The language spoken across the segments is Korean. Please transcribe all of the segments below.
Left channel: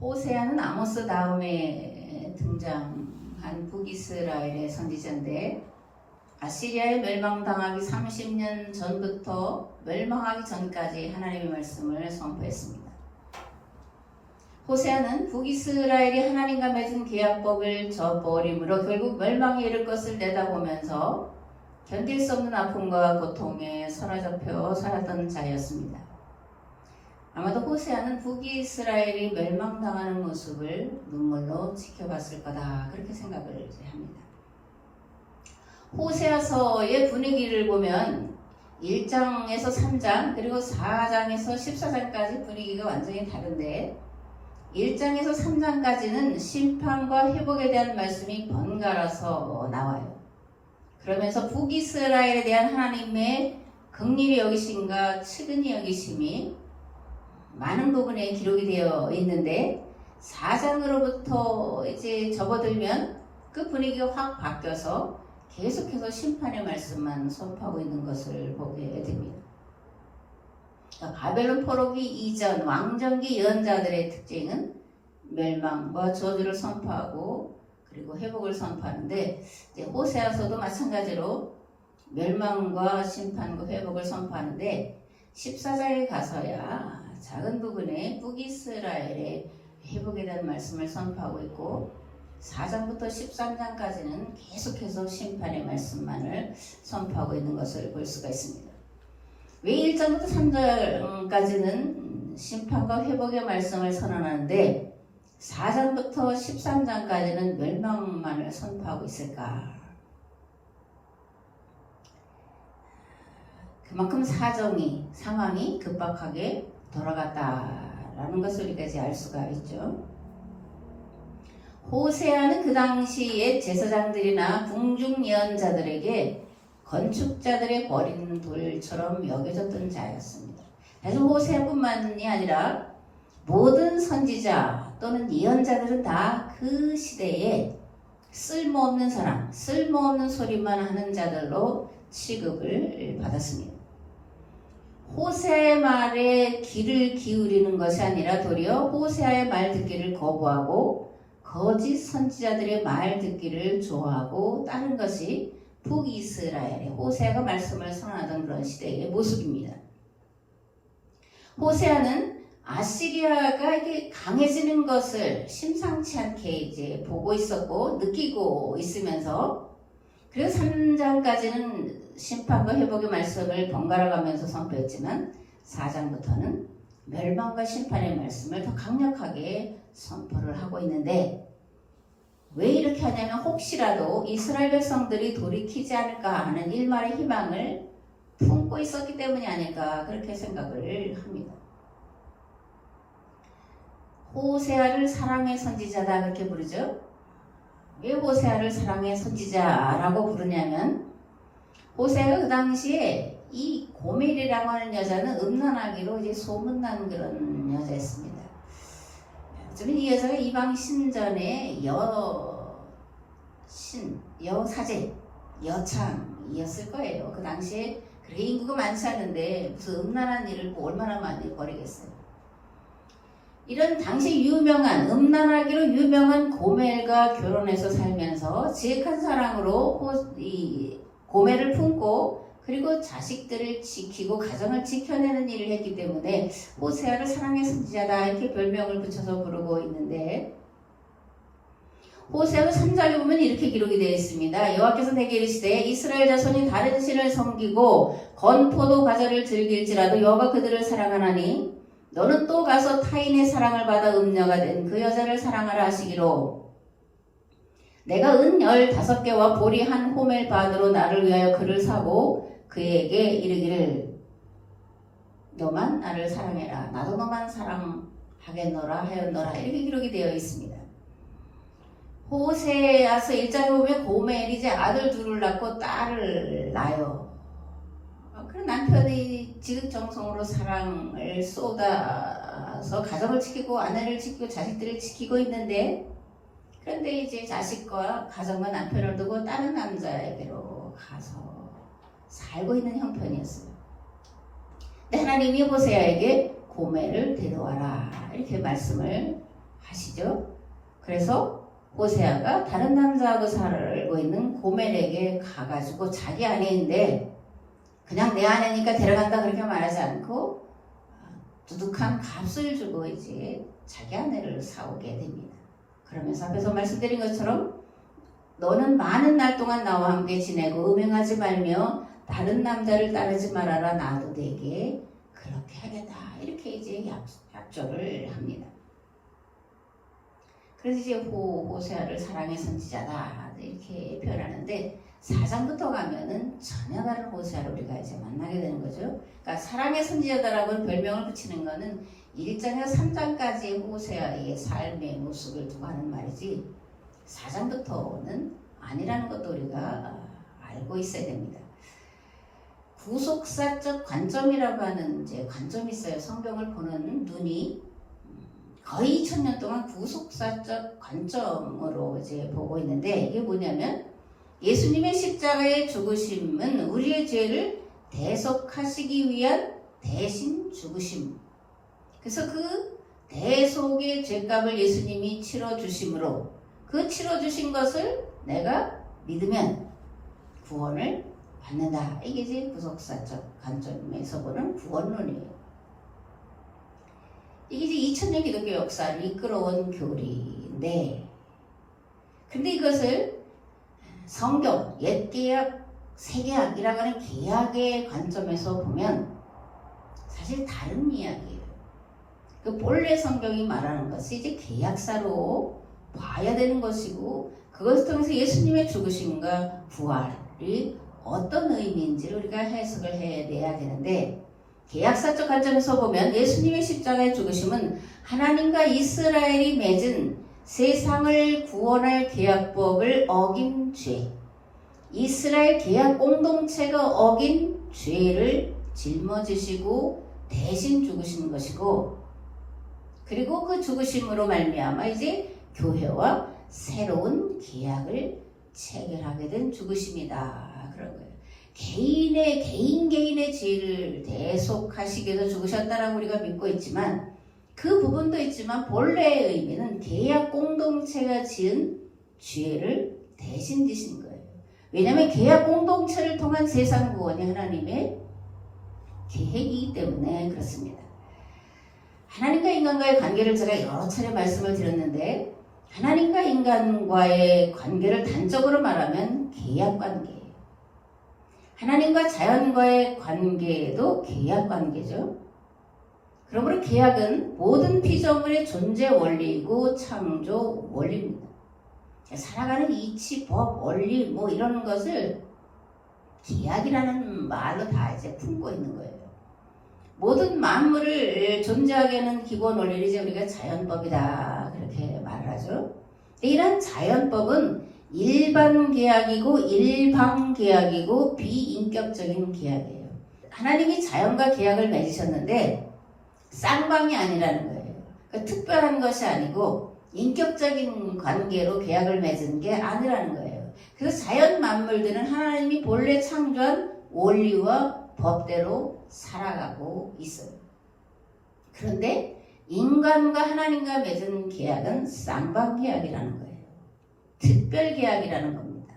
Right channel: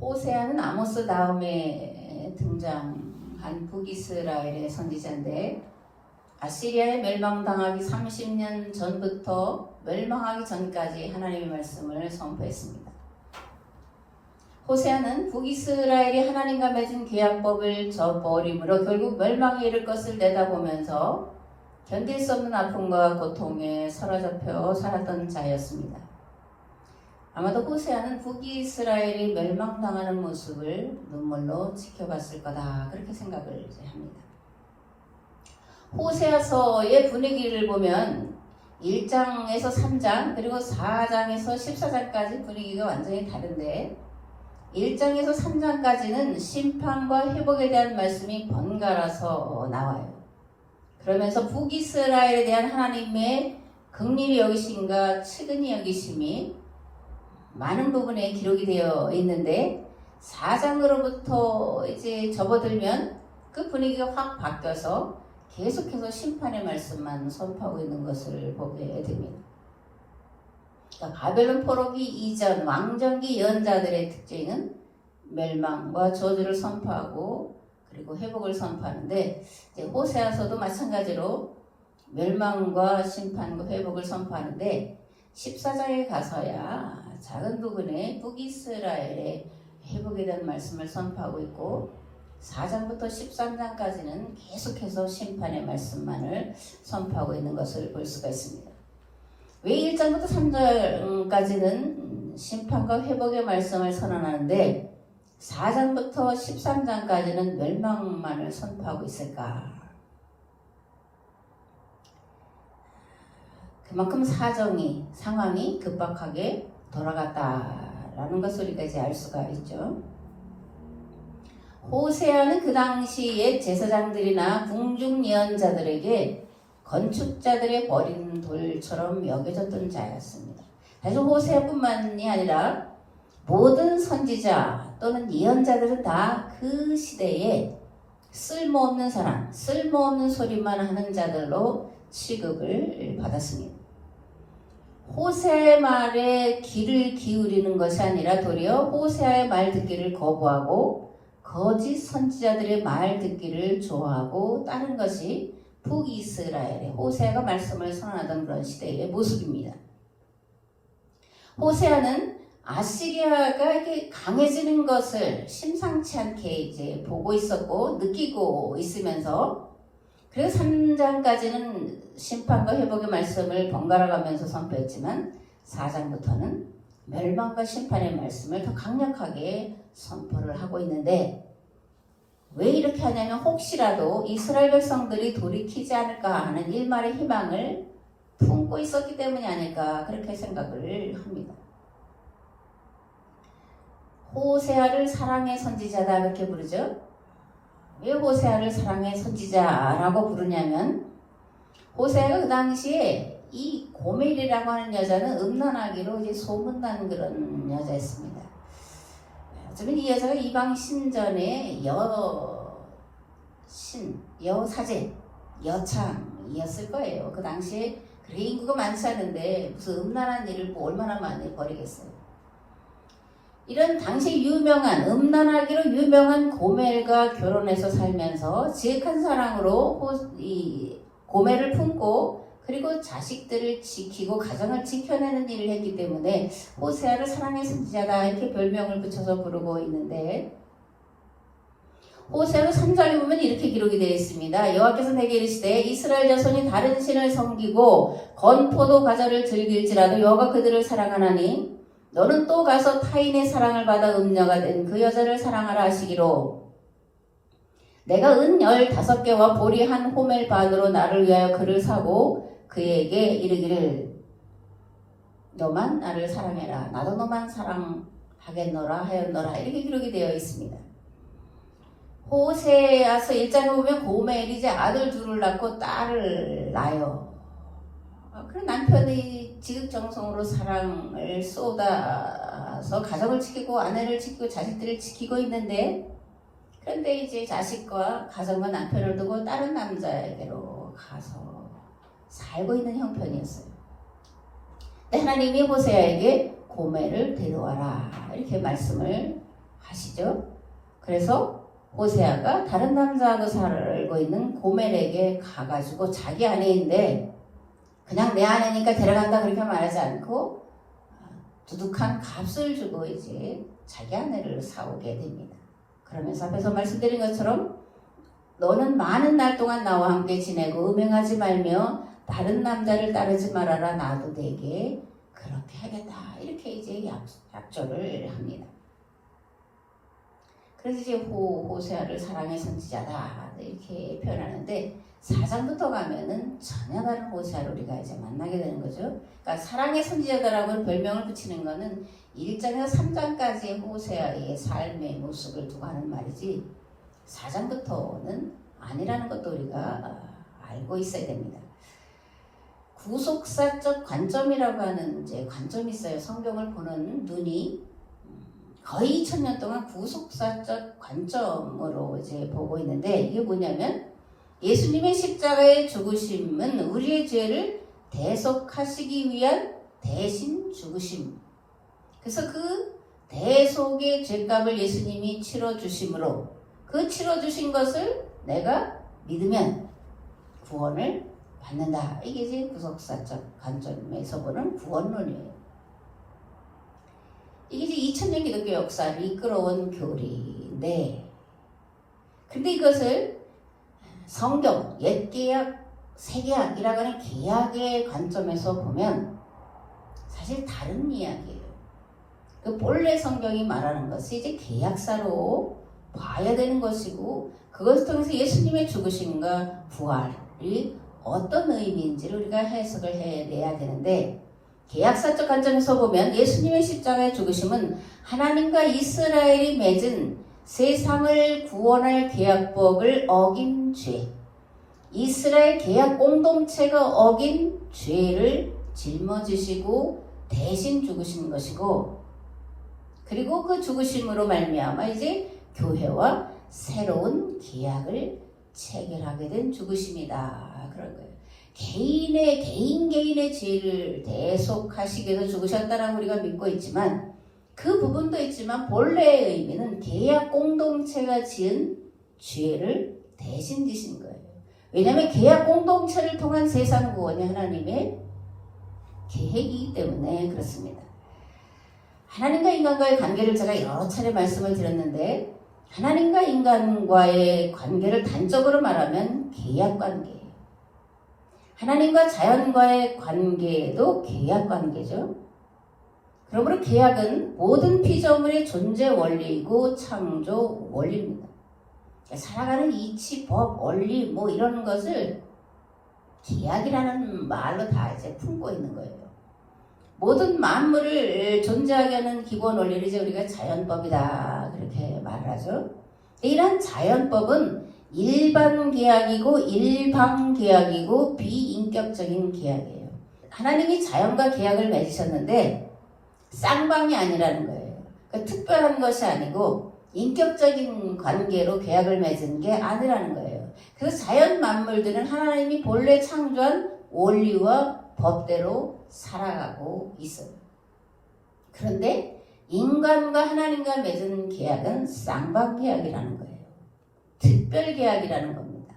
호세아는 아모스 다음에 등장한 북이스라엘의 선지자인데 아시리아에 멸망당하기 30년 전부터 멸망하기 전까지 하나님의 말씀을 선포했습니다. 호세아는 북이스라엘이 하나님과 맺은 계약법을 저버림으로 결국 멸망에 이를 것을 내다보면서 견딜 수 없는 아픔과 고통에 사로잡혀 살았던 자였습니다. 아마도 호세아는 북이스라엘이 멸망당하는 모습을 눈물로 지켜봤을 거다 그렇게 생각을 합니다. 호세아서의 분위기를 보면 1장에서 3장 그리고 4장에서 14장까지 분위기가 완전히 다른데 1장에서 3장까지는 심판과 회복에 대한 말씀이 번갈아서 나와요. 그러면서 북이스라엘에 대한 하나님의 긍휼히 여기심과 측은히 여기심이 많은 부분에 기록이 되어 있는데 4장으로부터 이제 접어들면 그 분위기가 확 바뀌어서 계속해서 심판의 말씀만 선포하고 있는 것을 보게 됩니다. 그러니까 바벨론 포로기 이전 왕정기 예언자들의 특징은 멸망과 저주를 선포하고 그리고 회복을 선포하는데 이제 호세아서도 마찬가지로 멸망과 심판과 회복을 선포하는데 14장에 가서야 작은 부분에 북이스라엘의 회복에 대한 말씀을 선포하고 있고 4장부터 13장까지는 계속해서 심판의 말씀만을 선포하고 있는 것을 볼 수가 있습니다. 왜 1장부터 3장까지는 심판과 회복의 말씀을 선언하는데 4장부터 13장까지는 멸망만을 선포하고 있을까? 그만큼 상황이 급박하게 돌아갔다라는 것을 우리가 이제 알 수가 있죠. 호세아는 그 당시의 제사장들이나 궁중 예언자들에게 건축자들의 버린 돌처럼 여겨졌던 자였습니다. 사실 호세아뿐만이 아니라 모든 선지자 또는 예언자들은 다 그 시대에 쓸모없는 사람, 쓸모없는 소리만 하는 자들로 취급을 받았습니다. 호세아의 말에 귀를 기울이는 것이 아니라 도리어 호세아의 말 듣기를 거부하고 거짓 선지자들의 말 듣기를 좋아하고 따른 것이 북이스라엘의 호세아가 말씀을 선언하던 그런 시대의 모습입니다. 호세아는 아시리아가 이렇게 강해지는 것을 심상치 않게 이제 보고 있었고 느끼고 있으면서 그래서 3장까지는 심판과 회복의 말씀을 번갈아 가면서 선포했지만 4장부터는 멸망과 심판의 말씀을 더 강력하게 선포를 하고 있는데 왜 이렇게 하냐면 혹시라도 이스라엘 백성들이 돌이키지 않을까 하는 일말의 희망을 품고 있었기 때문이 아닐까 그렇게 생각을 합니다. 호세아를 사랑의 선지자다 그렇게 부르죠. 왜 호세아를 사랑의 선지자라고 부르냐면 호세아가 그 당시에 이 고멜이라고 하는 여자는 음란하기로 이제 소문난 그런 여자였습니다. 어쩌면 이 여자가 이방 신전의 여사제, 여창이었을 거예요. 그 당시에 그래 인구가 많지 않은데 무슨 음란한 일을 뭐 얼마나 많이 벌이겠어요. 이런 당시 음란하기로 유명한 고멜과 결혼해서 살면서 지극한 사랑으로 이 고멜을 품고 그리고 자식들을 지키고 가정을 지켜내는 일을 했기 때문에 호세아를 사랑의 선지자다 이렇게 별명을 붙여서 부르고 있는데 호세아 3장에 보면 이렇게 기록이 되어 있습니다. 여호와께서 내게 이르시되 이스라엘 자손이 다른 신을 섬기고 건포도 과자를 즐길지라도 여호와가 그들을 사랑하나니 너는 또 가서 타인의 사랑을 받아 음녀가 된 그 여자를 사랑하라 하시기로 내가 은 15개와 보리 한 호멜 반으로 나를 위하여 그를 사고 그에게 이르기를 너만 나를 사랑해라 나도 너만 사랑하겠노라 하였노라 이렇게 기록이 되어 있습니다. 호세아서 1장에 보면 고멜이 이제 아들 둘을 낳고 딸을 낳아요. 그런 남편이 지극정성으로 사랑을 쏟아서 가정을 지키고 아내를 지키고 자식들을 지키고 있는데 그런데 이제 자식과 가정과 남편을 두고 다른 남자에게로 가서 살고 있는 형편이었어요. 근데 하나님이 호세아에게 고멜을 데려와라 이렇게 말씀을 아시죠? 그래서 호세아가 다른 남자하고 살고 있는 고멜에게 가가지고 자기 아내인데 그냥 내 아내니까 데려간다 그렇게 말하지 않고 두둑한 값을 주고 이제 자기 아내를 사오게 됩니다. 그러면서 앞에서 말씀드린 것처럼 너는 많은 날 동안 나와 함께 지내고 음행하지 말며 다른 남자를 따르지 말아라. 나도 내게 그렇게 하겠다. 이렇게 이제 약조를 합니다. 그래서 이제 호세아를 사랑의 선지자다 이렇게 표현하는데 4장부터 가면은 전혀 다른 호세아를 우리가 이제 만나게 되는 거죠. 그러니까 사랑의 선지자다라고 별명을 붙이는 거는 1장에서 3장까지의 호세아의 삶의 모습을 두고 하는 말이지 4장부터는 아니라는 것도 우리가 알고 있어야 됩니다. 구속사적 관점이라고 하는 이제 관점이 있어요. 성경을 보는 눈이 거의 2000년 동안 구속사적 관점으로 이제 보고 있는데 이게 뭐냐면 예수님의 십자가의 죽으심은 우리의 죄를 대속하시기 위한 대신 죽으심. 그래서 그 대속의 죄값을 예수님이 치러주심으로 그 치러주신 것을 내가 믿으면 구원을 받는다. 이게 이제 구속사적 관점에서 보는 구원론이에요. 이게 이제 2000년 기독교 역사를 이끌어온 교리인데 근데 이것을 성경, 옛계약, 새계약이라고 하는 계약의 관점에서 보면 사실 다른 이야기예요. 그 본래 성경이 말하는 것이 이제 계약사로 봐야 되는 것이고 그것을 통해서 예수님의 죽으심과 부활이 어떤 의미인지를 우리가 해석을 해내야 되는데 계약사적 관점에서 보면 예수님의 십자가의 죽으심은 하나님과 이스라엘이 맺은 세상을 구원할 계약법을 어긴 죄, 이스라엘 계약 공동체가 어긴 죄를 짊어지시고 대신 죽으신 것이고 그리고 그 죽으심으로 말미암아 이제 교회와 새로운 계약을 체결하게 된 죽으심이다. 그런 거예요. 개인의 죄를 대속하시기 위해서 죽으셨다라고 우리가 믿고 있지만 그 부분도 있지만 본래의 의미는 계약 공동체가 지은 죄를 대신 지신 거예요. 왜냐하면 계약 공동체를 통한 세상 구원이 하나님의 계획이기 때문에 그렇습니다. 하나님과 인간과의 관계를 제가 여러 차례 말씀을 드렸는데 하나님과 인간과의 관계를 단적으로 말하면 계약 관계예요. 하나님과 자연과의 관계도 계약 관계죠. 그러므로 계약은 모든 피조물의 존재 원리이고 창조 원리입니다. 살아가는 이치, 법, 원리 뭐 이런 것을 계약이라는 말로 다 이제 품고 있는 거예요. 모든 만물을 존재하게 하는 기본 원리를 이제 우리가 자연법이다 그렇게 말을 하죠. 이런 자연법은 일반 계약이고 일방 계약이고 비인격적인 계약이에요. 하나님이 자연과 계약을 맺으셨는데 쌍방이 아니라는 거예요. 그러니까 특별한 것이 아니고 인격적인 관계로 계약을 맺은 게 아니라는 거예요. 그래서 자연 만물들은 하나님이 본래 창조한 원리와 법대로 살아가고 있어요. 그런데 인간과 하나님과 맺은 계약은 쌍방계약이라는 거예요. 특별계약이라는 겁니다.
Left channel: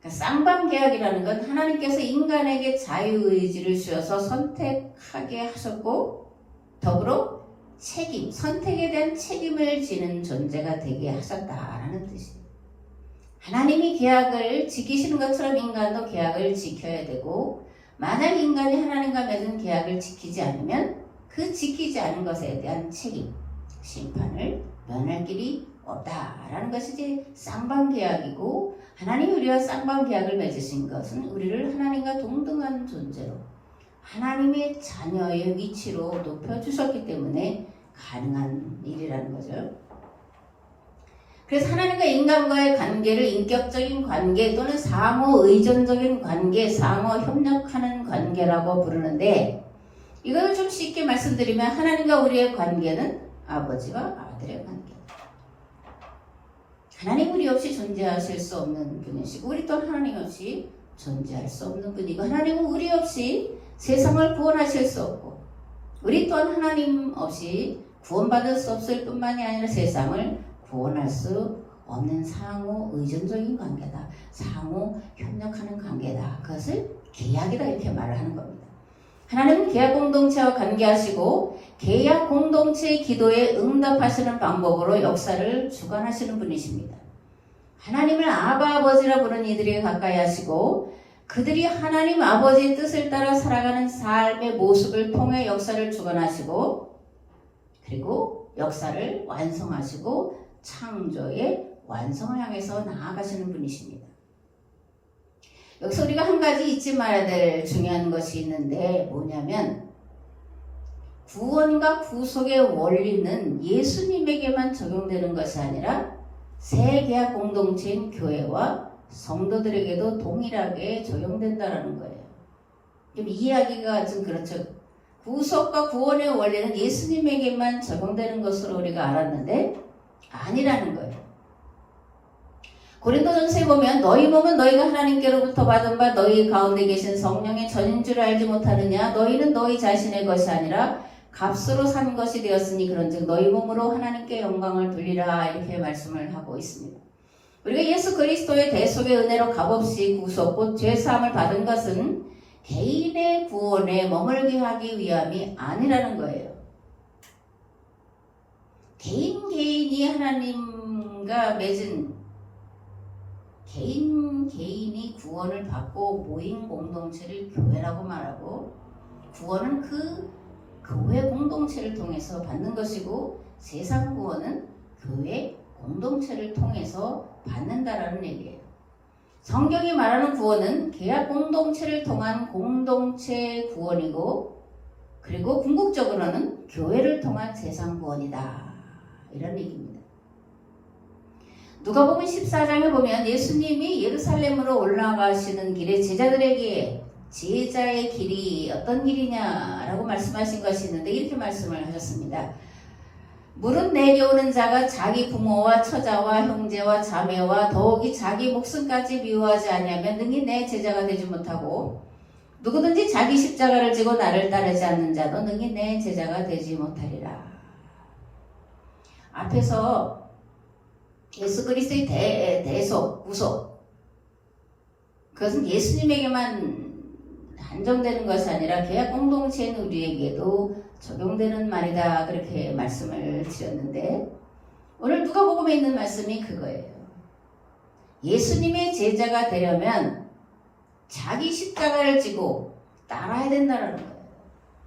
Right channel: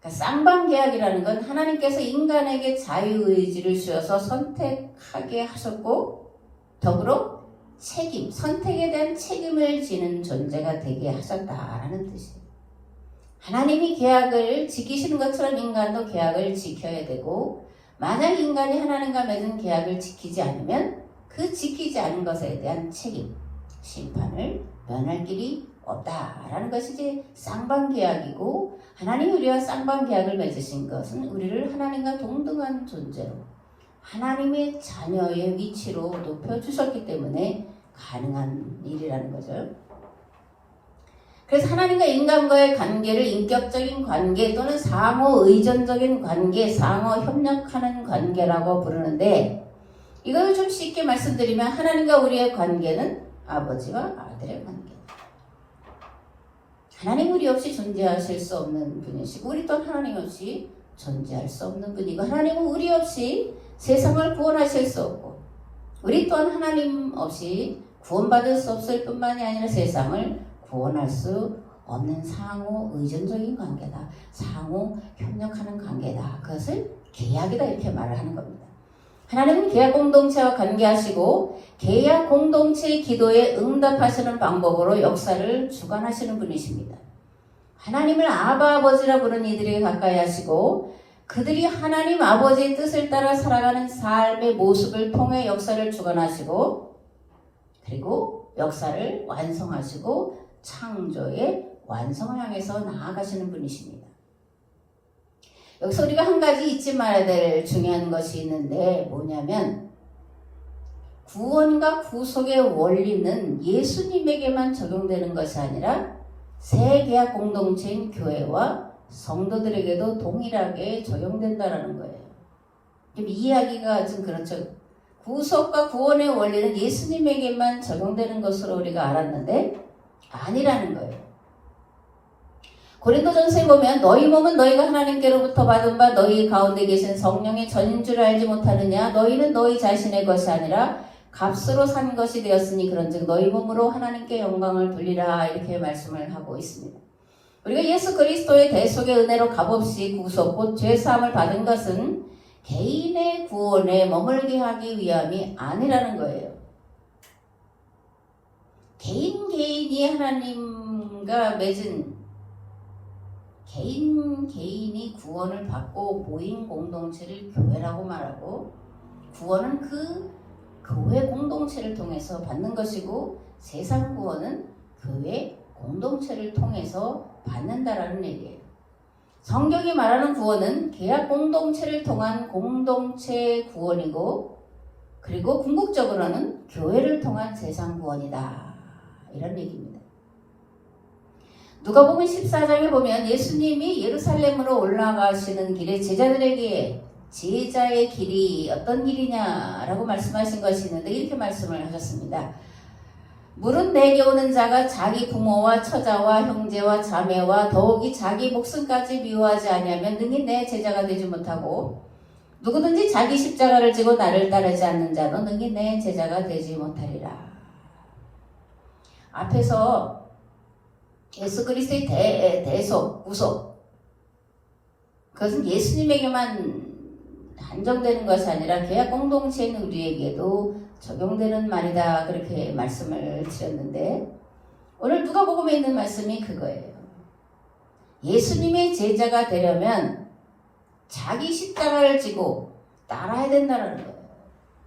그러니까 쌍방계약이라는 건 하나님께서 인간에게 자유의지를 주어서 선택하게 하셨고 더불어 책임, 선택에 대한 책임을 지는 존재가 되게 하셨다라는 뜻이에요. 하나님이 계약을 지키시는 것처럼 인간도 계약을 지켜야 되고 만약 인간이 하나님과 맺은 계약을 지키지 않으면 그 지키지 않은 것에 대한 책임, 심판을 면할 길이 없다라는 것이 이제 쌍방계약이고 하나님이 우리와 쌍방계약을 맺으신 것은 우리를 하나님과 동등한 존재로 하나님의 자녀의 위치로 높여주셨기 때문에 가능한 일이라는 거죠. 그래서 하나님과 인간과의 관계를 인격적인 관계 또는 상호 의존적인 관계, 상호 협력하는 관계라고 부르는데 이거를 좀 쉽게 말씀드리면 하나님과 우리의 관계는 아버지와 아들의 관계. 하나님 우리 없이 존재하실 수 없는 분이시고 우리 또한 하나님 없이 존재할 수 없는 분이고 하나님은 우리 없이 세상을 구원하실 수 없고 우리 또한 하나님 없이 구원받을 수 없을 뿐만이 아니라 세상을 구원할 수 없는 상호 의존적인 관계다. 상호 협력하는 관계다. 그것을 계약이다 이렇게 말을 하는 겁니다. 하나님은 계약 공동체와 관계하시고 계약 공동체의 기도에 응답하시는 방법으로 역사를 주관하시는 분이십니다. 하나님을 아바 아버지라 부르는 이들에게 가까이 하시고 그들이 하나님 아버지의 뜻을 따라 살아가는 삶의 모습을 통해 역사를 주관하시고 그리고 역사를 완성하시고 창조의 완성을 향해서 나아가시는 분이십니다. 여기서 우리가 한 가지 잊지 말아야 될 중요한 것이 있는데 뭐냐면 구원과 구속의 원리는 예수님에게만 적용되는 것이 아니라 새 계약 공동체인 교회와 성도들에게도 동일하게 적용된다는 거예요. 좀 이해하기가 좀 그렇죠. 구속과 구원의 원리는 예수님에게만 적용되는 것으로 우리가 알았는데 아니라는 거예요. 고린도전서에 보면 너희 몸은 너희가 하나님께로부터 받은 바 너희 가운데 계신 성령의 전인 줄 알지 못하느냐 너희는 너희 자신의 것이 아니라 값으로 산 것이 되었으니 그런즉 너희 몸으로 하나님께 영광을 돌리라 이렇게 말씀을 하고 있습니다. 우리가 예수 그리스도의 대속의 은혜로 값없이 구속 곧 죄사함을 받은 것은 개인의 구원에 머물게 하기 위함이 아니라는 거예요. 개인이 하나님과 맺은 개인이 구원을 받고 모인 공동체를 교회라고 말하고 구원은 그 교회 공동체를 통해서 받는 것이고 세상 구원은 교회 공동체를 통해서 받는다라는 얘기예요. 성경이 말하는 구원은 계약 공동체를 통한 공동체 구원이고 그리고 궁극적으로는 교회를 통한 세상 구원이다. 이런 얘기입니다. 누가복음 14장에 보면 예수님이 예루살렘으로 올라가시는 길에 제자들에게 제자의 길이 어떤 길이냐라고 말씀하신 것이 있는데 이렇게 말씀을 하셨습니다. 물은 내게 오는 자가 자기 부모와 처자와 형제와 자매와 더욱이 자기 목숨까지 미워하지 아니하면 능히 내 제자가 되지 못하고 누구든지 자기 십자가를 지고 나를 따르지 않는 자는 능히 내 제자가 되지 못하리라. 앞에서 예수 그리스도의 대속, 구속 그것은 예수님에게만 한정되는 것이 아니라 계약 공동체인 우리에게도 적용되는 말이다 그렇게 말씀을 드렸는데 오늘 누가복음에 있는 말씀이 그거예요. 예수님의 제자가 되려면 자기 십자가를 지고 따라야 된다는 거예요.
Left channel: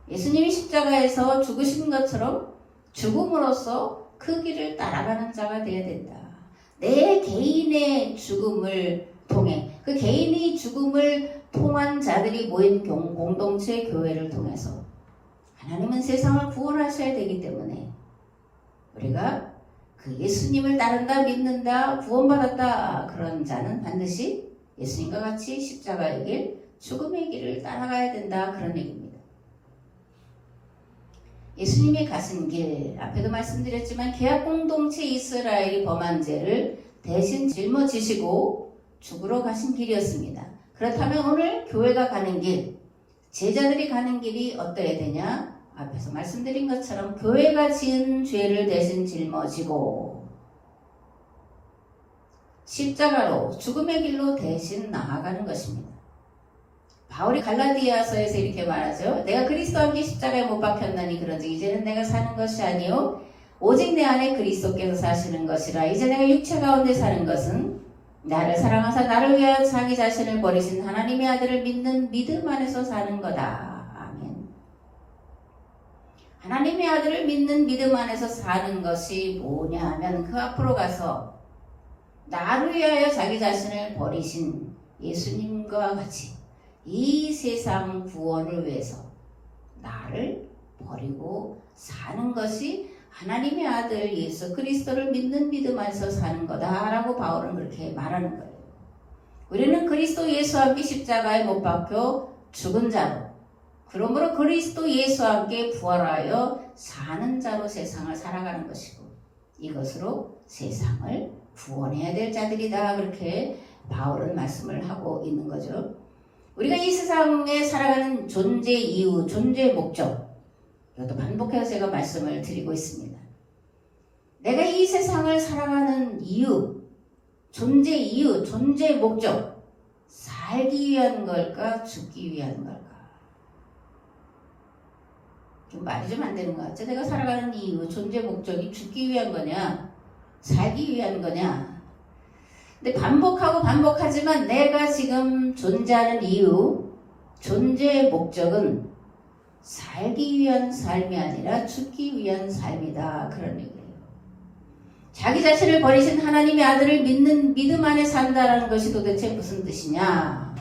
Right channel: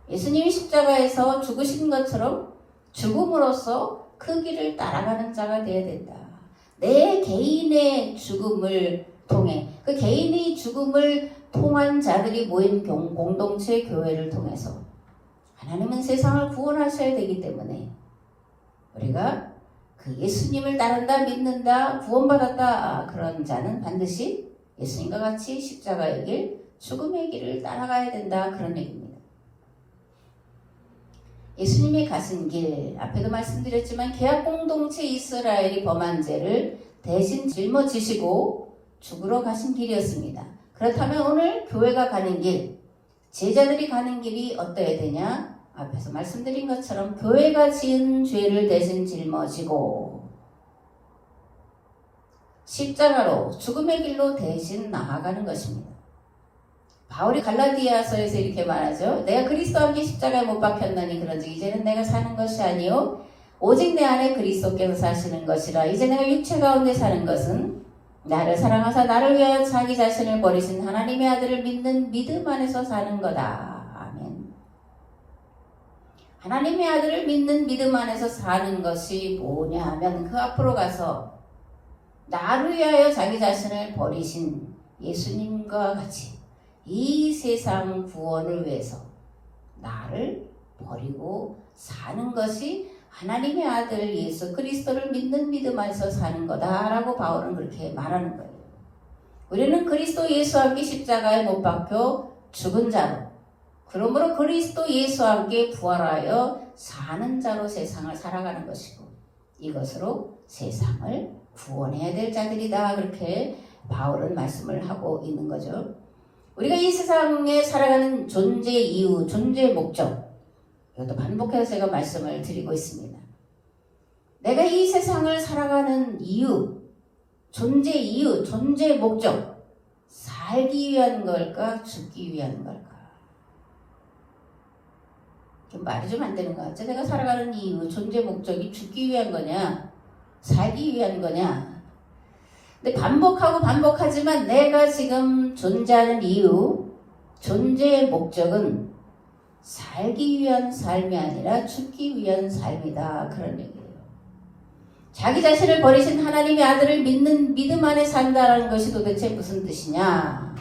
예수님이 십자가에서 죽으신 것처럼 죽음으로써 그 길을 따라가는 자가 되어야 된다. 내 개인의 죽음을 통해 그 개인이 죽음을 통한 자들이 모인 공동체 교회를 통해서 하나님은 세상을 구원하셔야 되기 때문에 우리가 그 예수님을 따른다 믿는다 구원받았다 그런 자는 반드시 예수님과 같이 십자가의 길 죽음의 길을 따라가야 된다 그런 얘기입니다. 예수님이 가신 길 앞에도 말씀드렸지만 계약 공동체 이스라엘이 범한 죄를 대신 짊어지시고 죽으러 가신 길이었습니다. 그렇다면 오늘 교회가 가는 길 제자들이 가는 길이 어떠해야 되냐? 앞에서 말씀드린 것처럼 교회가 지은 죄를 대신 짊어지고 십자가로 죽음의 길로 대신 나아가는 것입니다. 바울이 갈라디아서에서 이렇게 말하죠. 내가 그리스도와 함께 십자가에 못 박혔나니 그런즉 이제는 내가 사는 것이 아니요 오직 내 안에 그리스도께서 사시는 것이라. 이제 내가 육체 가운데 사는 것은 나를 사랑하사 나를 위하여 자기 자신을 버리신 하나님의 아들을 믿는 믿음 안에서 사는 거다. 아멘. 하나님의 아들을 믿는 믿음 안에서 사는 것이 뭐냐 하면 그 앞으로 가서 나를 위하여 자기 자신을 버리신 예수님과 같이 이 세상 구원을 위해서 나를 버리고 사는 것이 하나님의 아들 예수 그리스도를 믿는 믿음 안에서 사는 거다라고 바울은 그렇게 말하는 거예요. 우리는 그리스도 예수와 함께 십자가에 못 박혀 죽은 자로 그러므로 그리스도 예수와 함께 부활하여 사는 자로 세상을 살아가는 것이고 이것으로 세상을 구원해야 될 자들이다 그렇게 바울은 말씀을 하고 있는 거죠. 우리가 이 세상에 살아가는 존재 이유, 존재 목적 이것도 반복해서 제가 말씀을 드리고 있습니다. 내가 이 세상을 살아가는 이유, 존재 이유, 존재 목적, 살기 위한 걸까, 죽기 위한 걸까? 좀 말이 좀 안 되는 것 같죠? 내가 살아가는 이유, 존재 목적이 죽기 위한 거냐, 살기 위한 거냐? 근데 반복하고 반복하지만 내가 지금 존재하는 이유, 존재의 목적은 살기 위한 삶이 아니라 죽기 위한 삶이다. 그런 얘기예요. 자기 자신을 버리신 하나님의 아들을 믿는 믿음 안에 산다는 것이 도대체 무슨 뜻이냐?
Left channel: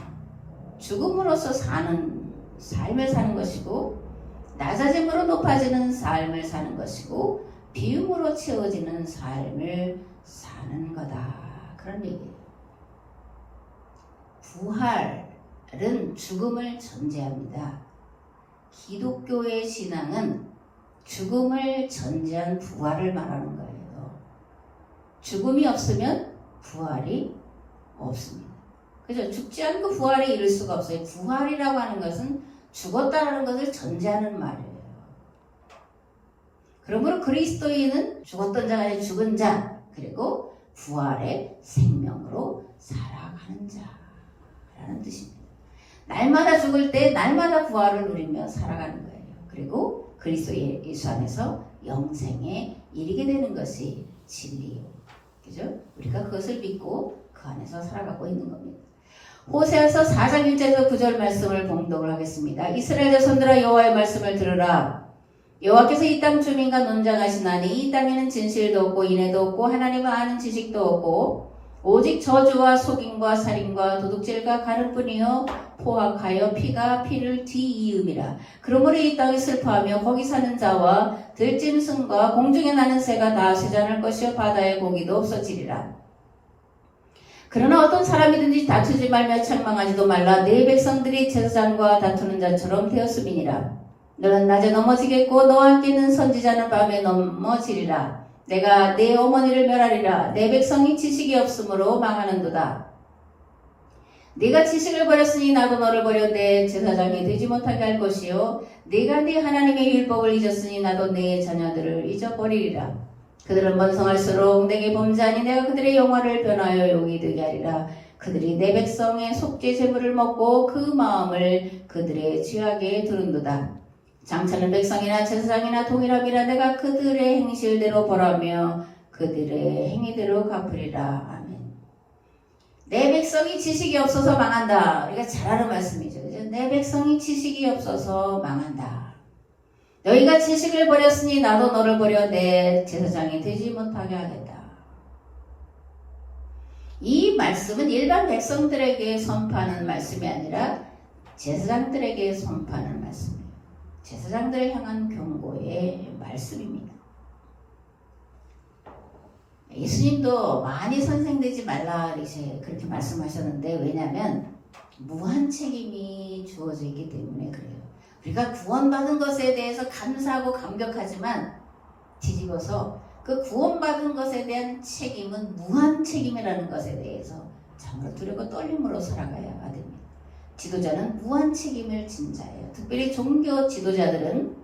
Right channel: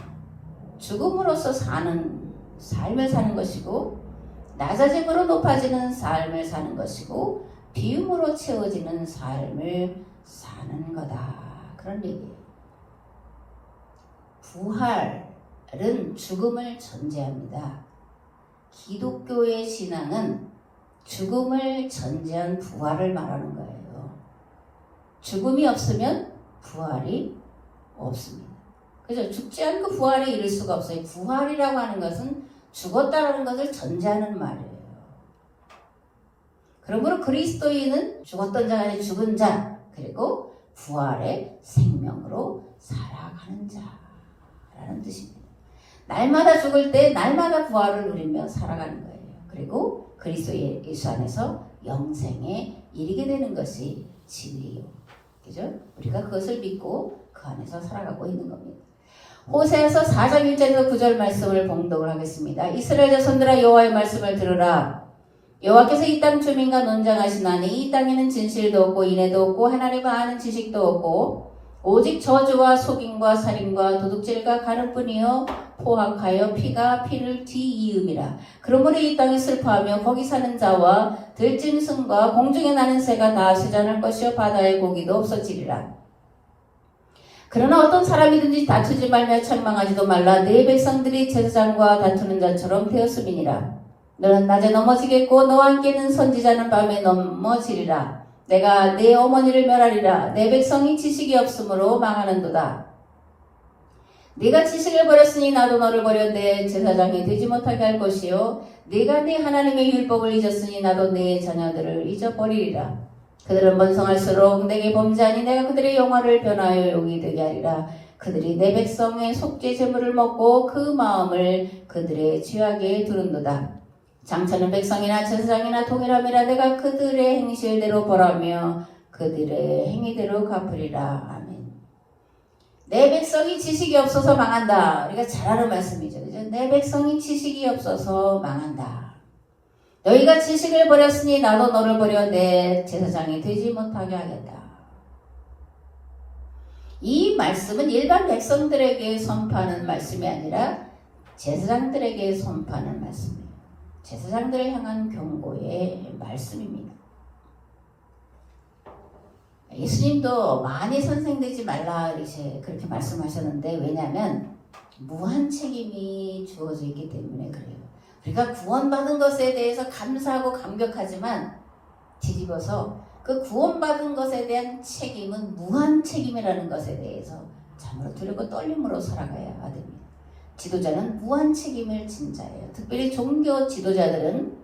죽음으로써 사는 삶을 사는 것이고 낮아짐으로 높아지는 삶을 사는 것이고 비움으로 채워지는 삶을 사는 거다. 그런 얘기예요. 부활은 죽음을 전제합니다. 기독교의 신앙은 죽음을 전제한 부활을 말하는 거예요. 죽음이 없으면 부활이 없습니다. 그죠? 죽지 않고 부활에 이를 수가 없어요. 부활이라고 하는 것은 죽었다라는 것을 전제하는 말이에요. 그러므로 그리스도인은 죽었던 자가 아니라 죽은 자, 그리고 부활의 생명으로 살아가는 자라는 뜻입니다. 날마다 죽을 때 날마다 부활을 누리며 살아가는 거예요. 그리고 그리스도 예수 안에서 영생에 이르게 되는 것이 진리요. 그죠? 우리가 그것을 믿고 그 안에서 살아가고 있는 겁니다. 호세아서 4장 1절에서 9절 말씀을 봉독을 하겠습니다. 이스라엘 자손들아 여호와의 말씀을 들으라. 여호와께서 이 땅 주민과 논장하시나니 이 땅에는 진실도 없고 인애도 없고 하나님을 아는 지식도 없고 오직 저주와 속임과 살인과 도둑질과 가늠뿐이요 포악하여 피가 피를 뒤이음이라. 그러므로 이 땅이 슬퍼하며 거기 사는 자와 들짐승과 공중에 나는 새가 다 쇠잔할 것이요 바다의 고기도 없어지리라. 그러나 어떤 사람이든지 다투지 말며 책망하지도 말라. 내 백성들이 제사장과 다투는 자처럼 되었음이니라. 너는 낮에 넘어지겠고 너와 함께는 선지자는 밤에 넘어지리라. 내가 내 어머니를 멸하리라. 내 백성이 지식이 없으므로 망하는도다. 네가 지식을 버렸으니 나도 너를 버려 내 제사장이 되지 못하게 할 것이요 네가 내 하나님의 율법을 잊었으니 나도 내 자녀들을 잊어버리리라. 그들은 번성할수록 내게 범죄하니 내가 그들의 영화를 변하여 욕이 되게 하리라. 그들이 내 백성의 속죄 제물을 먹고 그 마음을 그들의 죄악에 두른도다. 장차는 백성이나 제사장이나 동일함이라. 내가 그들의 행실대로 벌하며 그들의 행위대로 갚으리라. 아멘. 내 백성이 지식이 없어서 망한다. 우리가 잘 아는 말씀이죠. 그죠? 내 백성이 지식이 없어서 망한다. 너희가 지식을 버렸으니 나도 너를 버려 내 제사장이 되지 못하게 하겠다. 이 말씀은 일반 백성들에게 선포하는 말씀이 아니라 제사장들에게 선포하는 말씀이에요. 제사장들을 향한 경고의 말씀입니다. 예수님도 많이 선생되지 말라 그렇게 말씀하셨는데 왜냐하면 무한 책임이 주어져 있기 때문에 그래요. 우리가 구원받은 것에 대해서 감사하고 감격하지만 뒤집어서 그 구원받은 것에 대한 책임은 무한 책임이라는 것에 대해서 참으로 두렵고 떨림으로 살아가야 됩니다. 지도자는 무한 책임을 진 자예요. 특별히 종교 지도자들은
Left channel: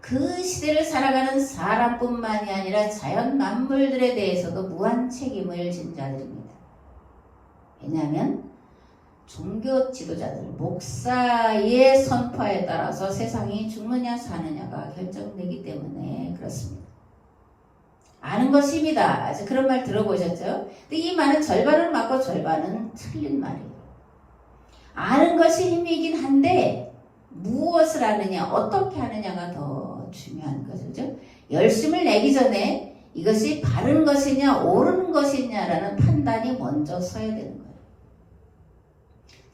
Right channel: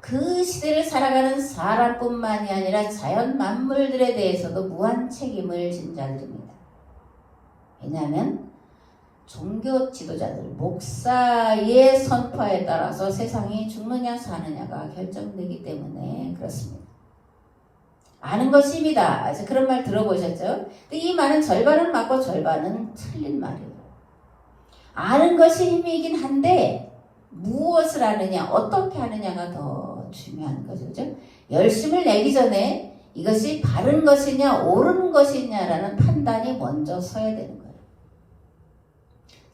그 시대를 살아가는 사람뿐만이 아니라 자연 만물들에 대해서도 무한 책임을 진 자들입니다. 왜냐하면 종교 지도자들, 목사의 선포에 따라서 세상이 죽느냐 사느냐가 결정되기 때문에 그렇습니다. 아는 것이 힘이다. 아직 그런 말 들어보셨죠? 근데 이 말은 절반은 맞고 절반은 틀린 말이에요. 아는 것이 힘이긴 한데 무엇을 아느냐, 어떻게 하느냐가 더 중요한 거죠. 열심을 내기 전에 이것이 바른 것이냐, 옳은 것이냐라는 판단이 먼저 서야 되는 거예요.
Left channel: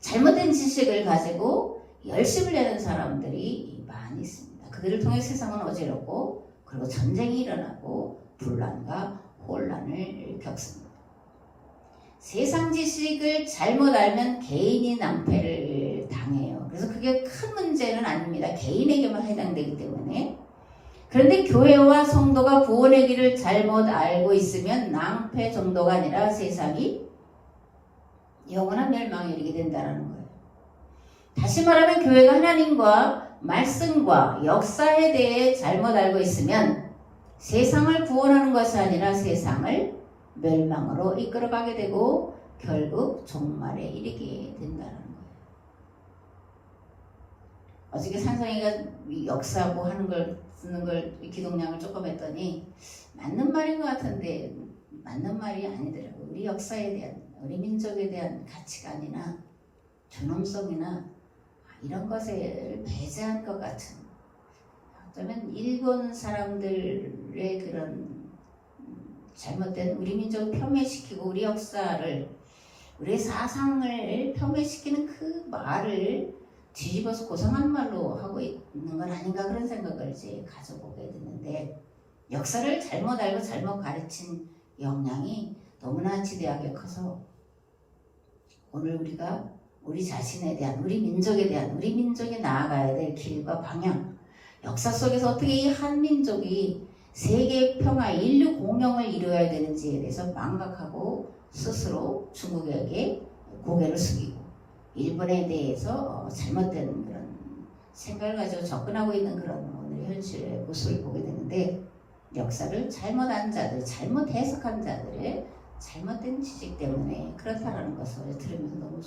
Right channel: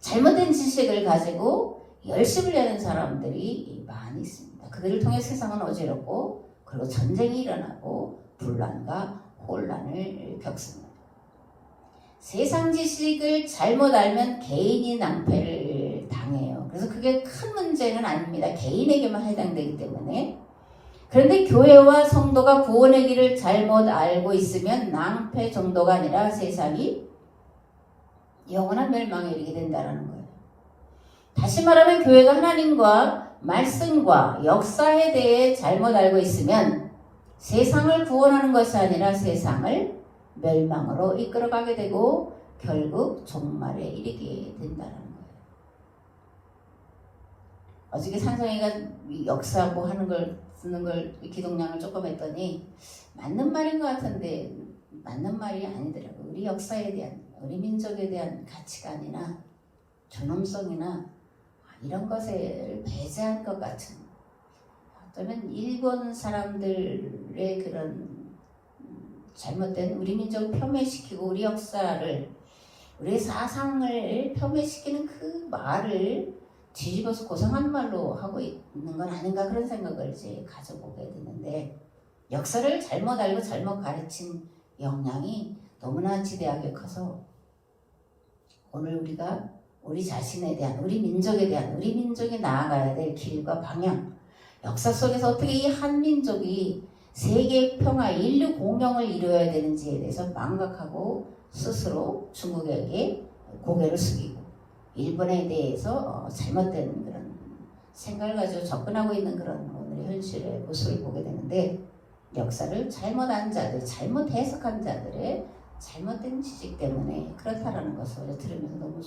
잘못된 지식을 가지고 열심을 내는 사람들이 많이 있습니다. 그들을 통해 세상은 어지럽고 그리고 전쟁이 일어나고 분란과 혼란을 겪습니다. 세상 지식을 잘못 알면 개인이 낭패를 당해요. 그래서 그게 큰 문제는 아닙니다. 개인에게만 해당되기 때문에. 그런데 교회와 성도가 구원의 길을 잘못 알고 있으면 낭패 정도가 아니라 세상이 영원한 멸망에 이르게 된다는 거예요. 다시 말하면 교회가 하나님과 말씀과 역사에 대해 잘못 알고 있으면 세상을 구원하는 것이 아니라 세상을 멸망으로 이끌어가게 되고 결국 종말에 이르게 된다는 거예요. 어저께 산성이가 역사하고 하는 걸 듣는 걸 기독량을 조금 했더니 맞는 말인 것 같은데 맞는 말이 아니더라고요. 우리 역사에 대한, 우리 민족에 대한 가치관이나 존엄성이나 이런 것을 배제한 것 같은, 또는 일본 사람들의 그런 잘못된 우리 민족을 폄훼시키고 우리 역사를, 우리 사상을 폄훼시키는 그 말을 뒤집어서 고상한 말로 하고 있는 건 아닌가, 그런 생각을 이제 가져보게 됐는데, 역사를 잘못 알고 잘못 가르친 영향이 너무나 지대하게 커서 오늘 우리가 우리 자신에 대한, 우리 민족에 대한, 우리 민족이 나아가야 될 길과 방향, 역사 속에서 어떻게 이 한민족이 세계 평화, 인류 공영을 이루어야 되는지에 대해서 망각하고 스스로 중국에게 고개를 숙이고 일본에 대해서 잘못된 그런 생각을 가지고 접근하고 있는 그런 오늘의 현실의 모습을 보게 되는데, 역사를 잘못한 자들, 잘못 해석한 자들의 잘못된 지식 때문에 그렇다라는 것을 들으면서 너무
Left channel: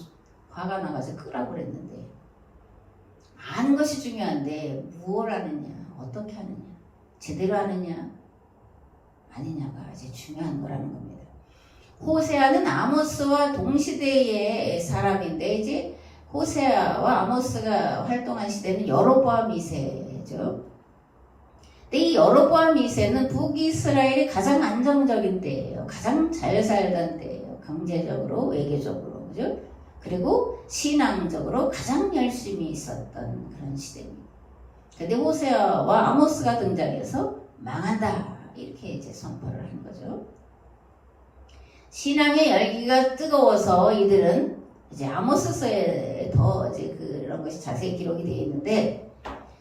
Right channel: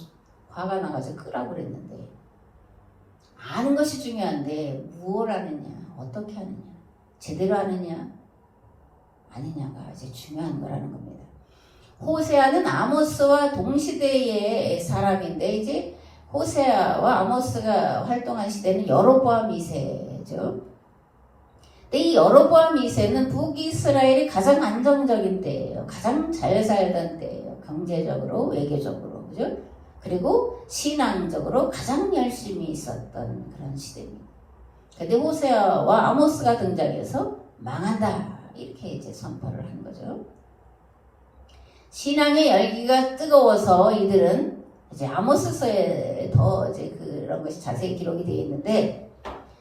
화가 나가지고 끄라고 그랬는데, 아는 것이 중요한데 무엇을 아느냐, 어떻게 하느냐, 제대로 하느냐 아니냐가 이제 중요한 거라는 겁니다. 호세아는 아모스와 동시대의 사람인데, 이제 호세아와 아모스가 활동한 시대는 여로보암 2세죠. 근데 이 여로보암 2세는 북이스라엘이 가장 안정적인 때예요. 가장 잘 살던 때예요. 경제적으로, 외교적으로, 그죠? 그리고 신앙적으로 가장 열심히 있었던 그런 시대입니다. 근데 호세아와 아모스가 등장해서 망한다, 이렇게 이제 선포를 한 거죠. 신앙의 열기가 뜨거워서 이들은 이제 아모스서에 더 이제 그런 것이 자세히 기록이 되어 있는데,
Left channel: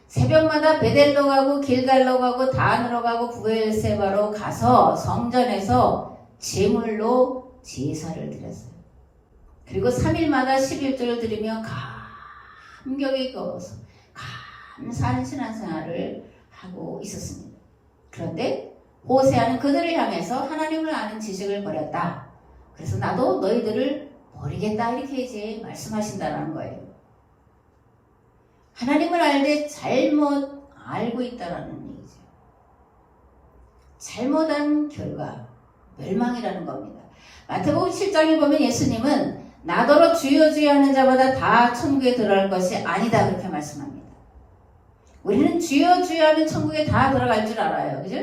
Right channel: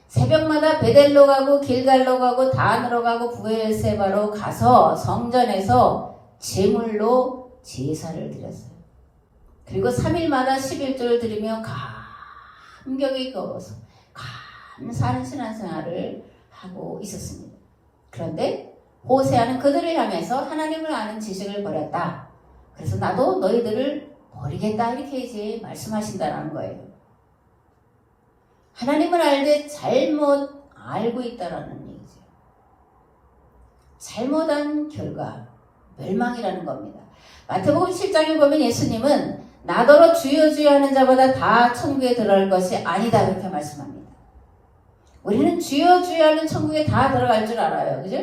새벽마다 베델로 가고 길갈로 가고 단으로 가고 부엘세바로 가서 성전에서 제물로 제사를 드렸어요. 그리고 3일마다 11조를 드리며 감격에 걸어서 감사하는 신앙생활을 하고 있었습니다. 그런데 호세아는 그들을 향해서 하나님을 아는 지식을 버렸다. 그래서 나도 너희들을 버리겠다, 이렇게 이제 말씀하신다는 거예요. 하나님을 알되 잘못 알고 있다라는 얘기죠. 잘못한 결과 멸망이라는 겁니다. 마태복음 7장에 보면 예수님은 나더러 주여 주여 하는 자마다 다 천국에 들어갈 것이 아니다, 그렇게 말씀합니다. 우리는 주여 주여 하면 천국에 다 들어갈 줄 알아요. 그죠?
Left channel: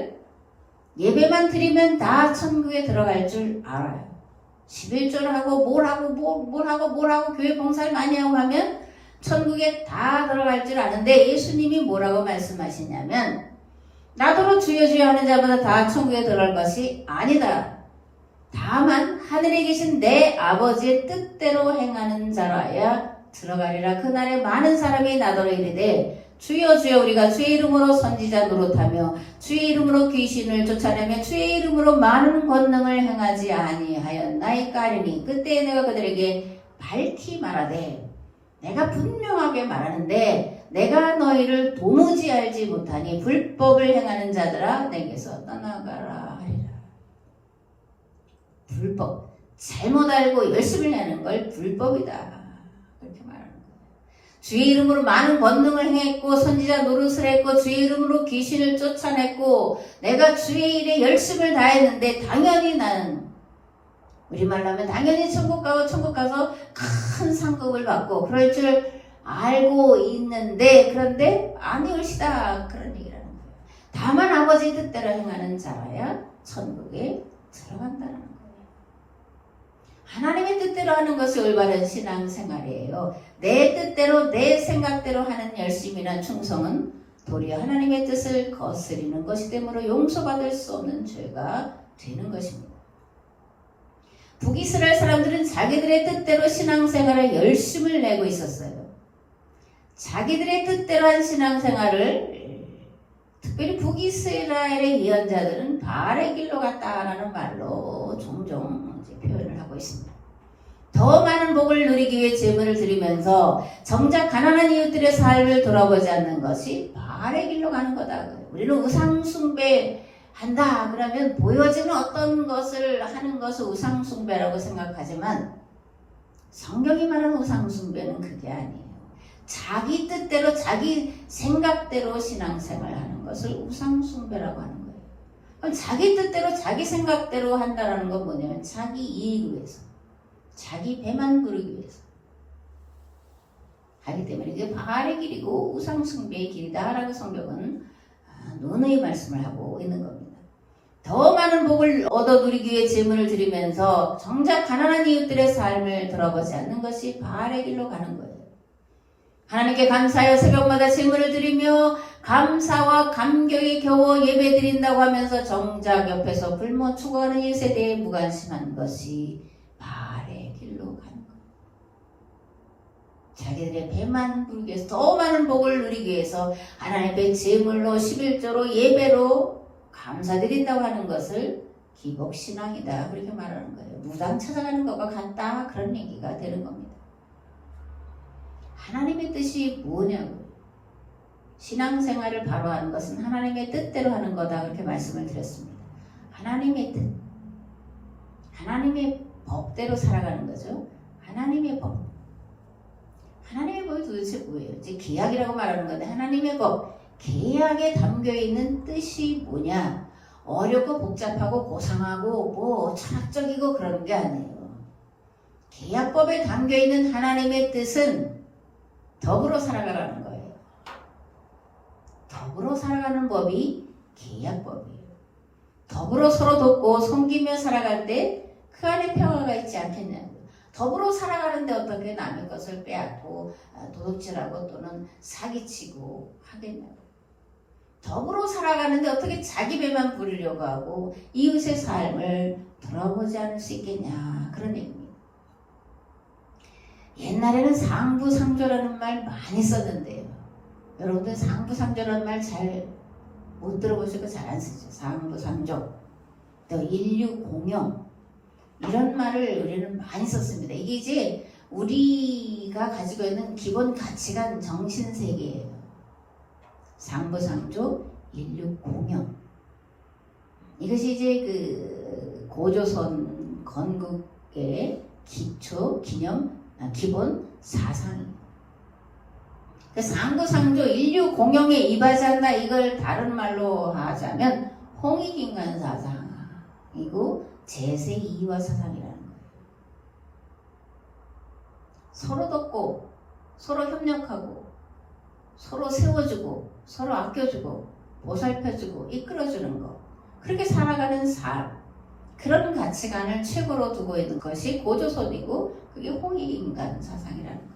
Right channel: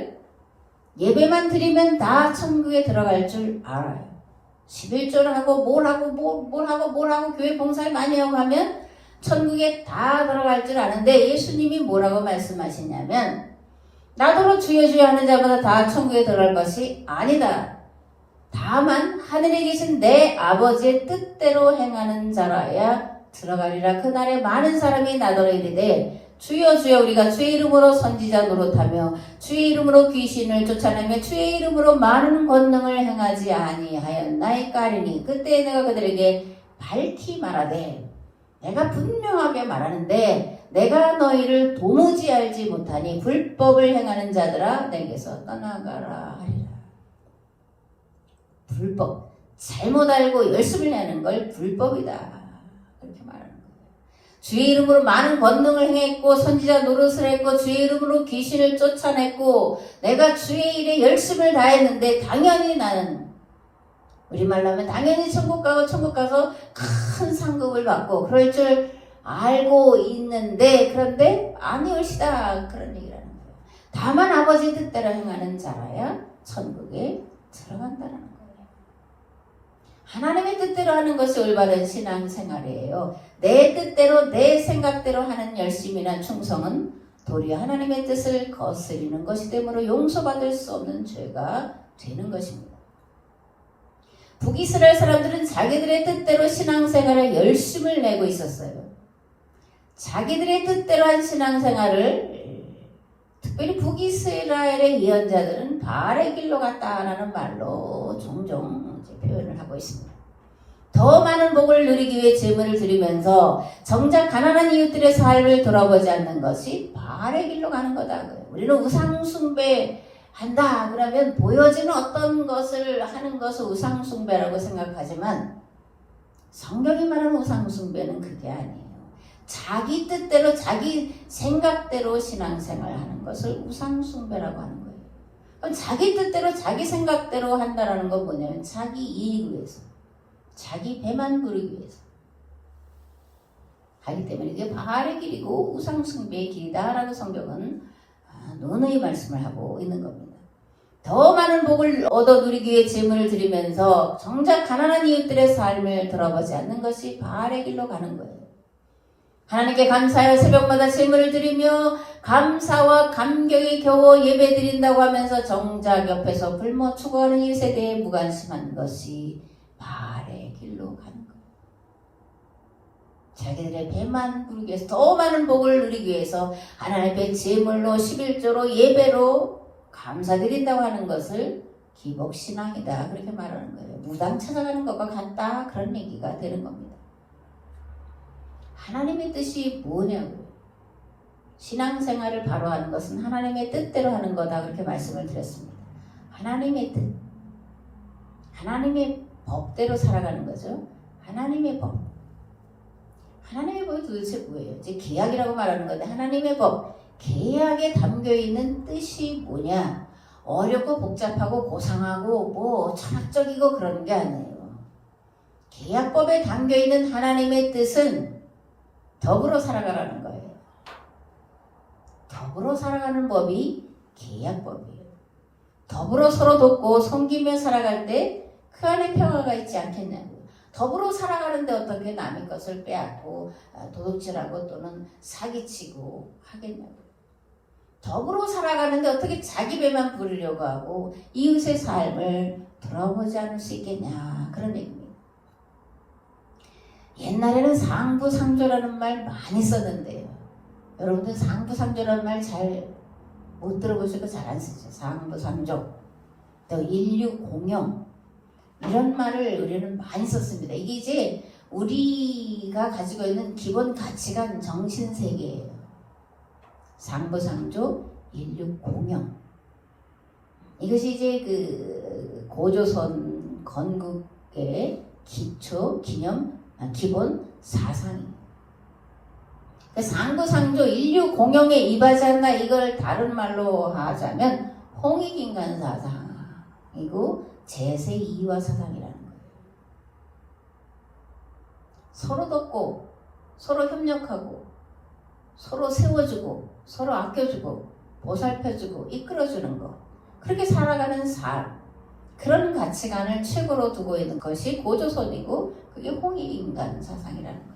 예배만 드리면 다 천국에 들어갈 줄 알아요. 11조를 하고 뭘 하고 교회 봉사를 많이 하고 하면 천국에 다 들어갈 줄 아는데, 예수님이 뭐라고 말씀하시냐면 나더러 주여 주여 하는 자마다 다 천국에 들어갈 것이 아니다. 다만 하늘에 계신 내 아버지의 뜻대로 행하는 자라야 들어가리라. 그날에 많은 사람이 나더러 이르되 주여 주여 우리가 주의 이름으로 선지자 노릇하며 주의 이름으로 귀신을 쫓아내며 주의 이름으로 많은 권능을 행하지 아니하였나이까 하리니, 그때 내가 그들에게 밝히 말하되 내가 분명하게 말하는데 내가 너희를 도무지 알지 못하니 불법을 행하는 자들아 내게서 떠나가라 하리라. 불법, 잘못 알고 열심히 하는 걸 불법이다, 그렇게 말하는 거예요. 주의 이름으로 많은 권능을 행했고 선지자 노릇을 했고 주의 이름으로 귀신을 쫓아냈고 내가 주의 일에 열심을 다했는데, 당연히 나는, 우리말로 하면 당연히 천국 가서 큰 상급을 받고 그럴 줄 알고 있는데, 그런데 아니올시다, 그런 얘기를 하는 거예요. 다만 아버지 뜻대로 행하는 자라야 천국에 들어간다는 거예요. 하나님의 뜻대로 하는 것이 올바른 신앙생활이에요. 내 뜻대로 내 생각대로 하는 열심이나 충성은 도리어 하나님의 뜻을 거스리는 것이 되므로 용서받을 수 없는 죄가 되는 것입니다. 북이스라엘 사람들은 자기들의 뜻대로 신앙생활에 열심을 내고 있었어요. 자기들의 뜻대로 한 신앙생활을, 특별히 북이스라엘의 예언자들은 바알의 길로 갔다라는 말로 종종 이제 표현을 하고 있습니다. 더 더 많은 복을 누리기 위해 재물을 드리면서 정작 가난한 이웃들의 삶을 돌아보지 않는 것이 바알의 길로 가는 거다. 우리는 우상 숭배한다 그러면 보여지는 어떤 것을 하는 것을 우상 숭배라고 생각하지만 성경이 말하는 우상 숭배는 그게 아니에요. 자기 뜻대로 자기 생각대로 신앙생활을 하는 것을 우상 숭배라고 하는 거예요. 그럼 자기 뜻대로 자기 생각대로 한다는 건 뭐냐면 자기 이익을 위해서, 자기 배만 부르기 위해서 하기 때문에 이게 바알의 길이고 우상 숭배의 길이다라고 성경은 논의 말씀을 하고 있는 겁니다. 더 많은 복을 얻어 누리기 위해 재물을 드리면서 정작 가난한 이웃들의 삶을 돌아보지 않는 것이 바알의 길로 가는 거예요. 하나님께 감사하여 새벽마다 재물을 드리며 감사와 감격에 겨워 예배 드린다고 하면서 정작 옆에서 굶어 죽어가는 이 세대에 무관심한 것이 바알의 길로 가는 거예요. 자기들의 배만 부르기 위해서 더 많은 복을 누리기 위해서 하나님의 재물로 11조로 예배로 감사드린다고 하는 것을 기복신앙이다 그렇게 말하는 거예요. 무당 찾아가는 것과 같다 그런 얘기가 되는 겁니다. 하나님의 뜻이 뭐냐고. 신앙생활을 바로 하는 것은 하나님의 뜻대로 하는 거다 그렇게 말씀을 드렸습니다. 하나님의 뜻, 하나님의 법대로 살아가는 거죠. 하나님의 법. 하나님의 법이 도대체 뭐예요? 이제 계약이라고 말하는 건데 하나님의 법, 계약에 담겨있는 뜻이 뭐냐? 어렵고 복잡하고 고상하고 뭐 철학적이고 그러는 게 아니에요. 계약법에 담겨있는 하나님의 뜻은 더불어 살아가라는 거예요. 더불어 살아가는 법이 계약법이에요. 더불어 서로 돕고 섬기며 살아갈 때 그 안에 평화가 있지 않겠냐고. 더불어 살아가는데 어떻게 남의 것을 빼앗고 도둑질하고 또는 사기치고 하겠냐고. 더불어 살아가는데 어떻게 자기 배만 부리려고 하고 이웃의 삶을 돌아보지 않을 수 있겠냐 그런 얘기입니다. 옛날에는 상부상조라는 말 많이 썼는데요. 여러분들 상부상조라는 말 잘 못 들어보시고 잘 안 쓰죠. 상부상조, 또 인류공영 이런 말을 우리는 많이 썼습니다. 이게 이제 우리가 가지고 있는 기본 가치관 정신세계예요. 상부상조, 인류공영 이것이 이제 그 고조선 건국의 기초, 기본 사상입니다. 상부상조, 인류공영에 입하지 않나 이걸 다른 말로 하자면 홍익인간 사상이고 제세이화 사상이라는 거예요. 서로 돕고 서로 협력하고 서로 세워주고 서로 아껴주고 보살펴주고 이끌어주는 것 그렇게 살아가는 삶 그런 가치관을 최고로 두고 있는 것이 고조선이고 그게 홍익인간 사상이라는 거예요.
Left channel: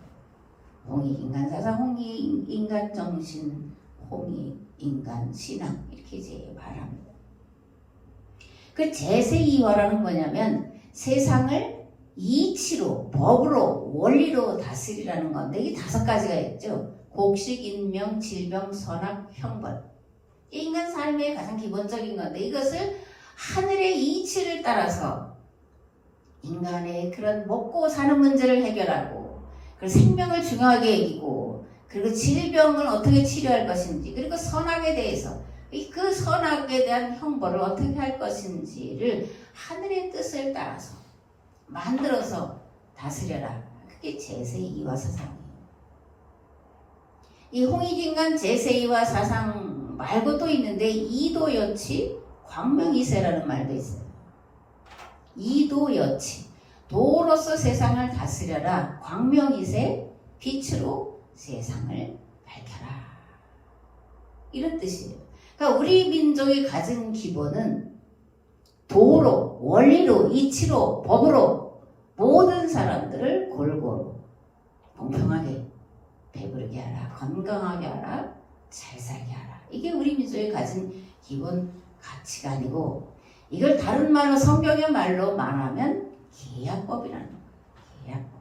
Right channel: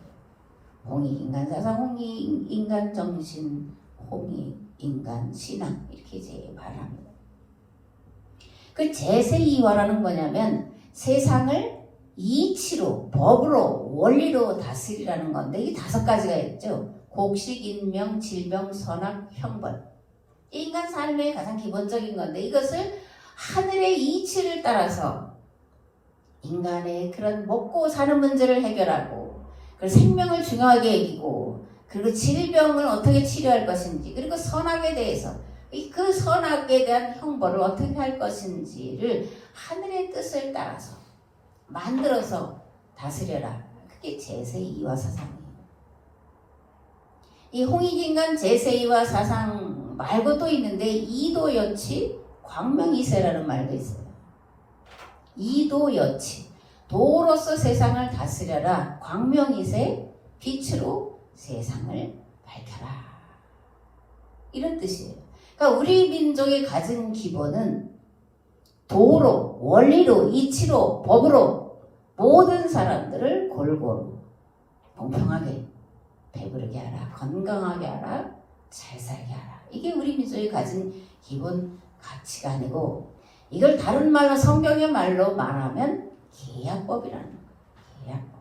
홍익인간 사상, 홍익인간 정신, 홍익인간 신앙 이렇게 이제 말합니다. 그 제세이화라는 뭐냐면 세상을 이치로, 법으로, 원리로 다스리라는 건데 이 5가지가 있죠. 곡식, 인명, 질병, 선악, 형벌. 인간 삶의 가장 기본적인 건데 이것을 하늘의 이치를 따라서 인간의 그런 먹고 사는 문제를 해결하고 그리고 생명을 중요하게 여기고 그리고 질병을 어떻게 치료할 것인지 그리고 선악에 대해서 그 선악에 대한 형벌을 어떻게 할 것인지를 하늘의 뜻을 따라서 만들어서 다스려라. 그게 제세이화 사상이에요. 이 홍익인간 제세이화 사상 말고 또 있는데 이도여치 광명이세라는 말도 있어요. 이도여치 도로서 세상을 다스려라. 광명이세 빛으로 세상을 밝혀라. 이런 뜻이에요. 그러니까 우리 민족이 가진 기본은 도로, 원리로, 이치로, 법으로 모든 사람들을 골고루 공평하게 배부르게 하라, 건강하게 하라, 잘 살게 하라. 이게 우리 민족이 가진 기본 가치관이고 이걸 다른 말로 성경의 말로 말하면 계약법이라는 거예요. 계약법.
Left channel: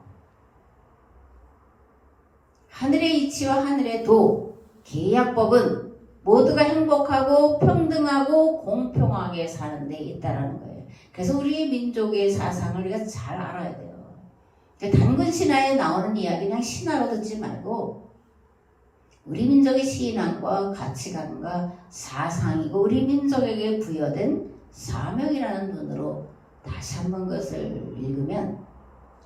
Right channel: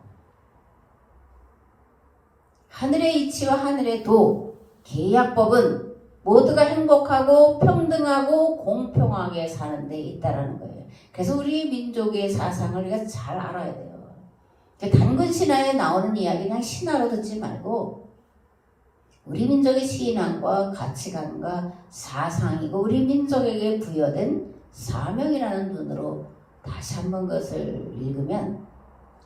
하늘의 이치와 하늘의 도, 계약법은 모두가 행복하고 평등하고 공평하게 사는 데 있다는 거예요. 그래서 우리 민족의 사상을 우리가 잘 알아야 돼요. 단군 신화에 나오는 이야기 그냥 신화로 듣지 말고 우리 민족의 신앙과 가치관과 사상이고 우리 민족에게 부여된 사명이라는 눈으로 다시 한번 그것을 읽으면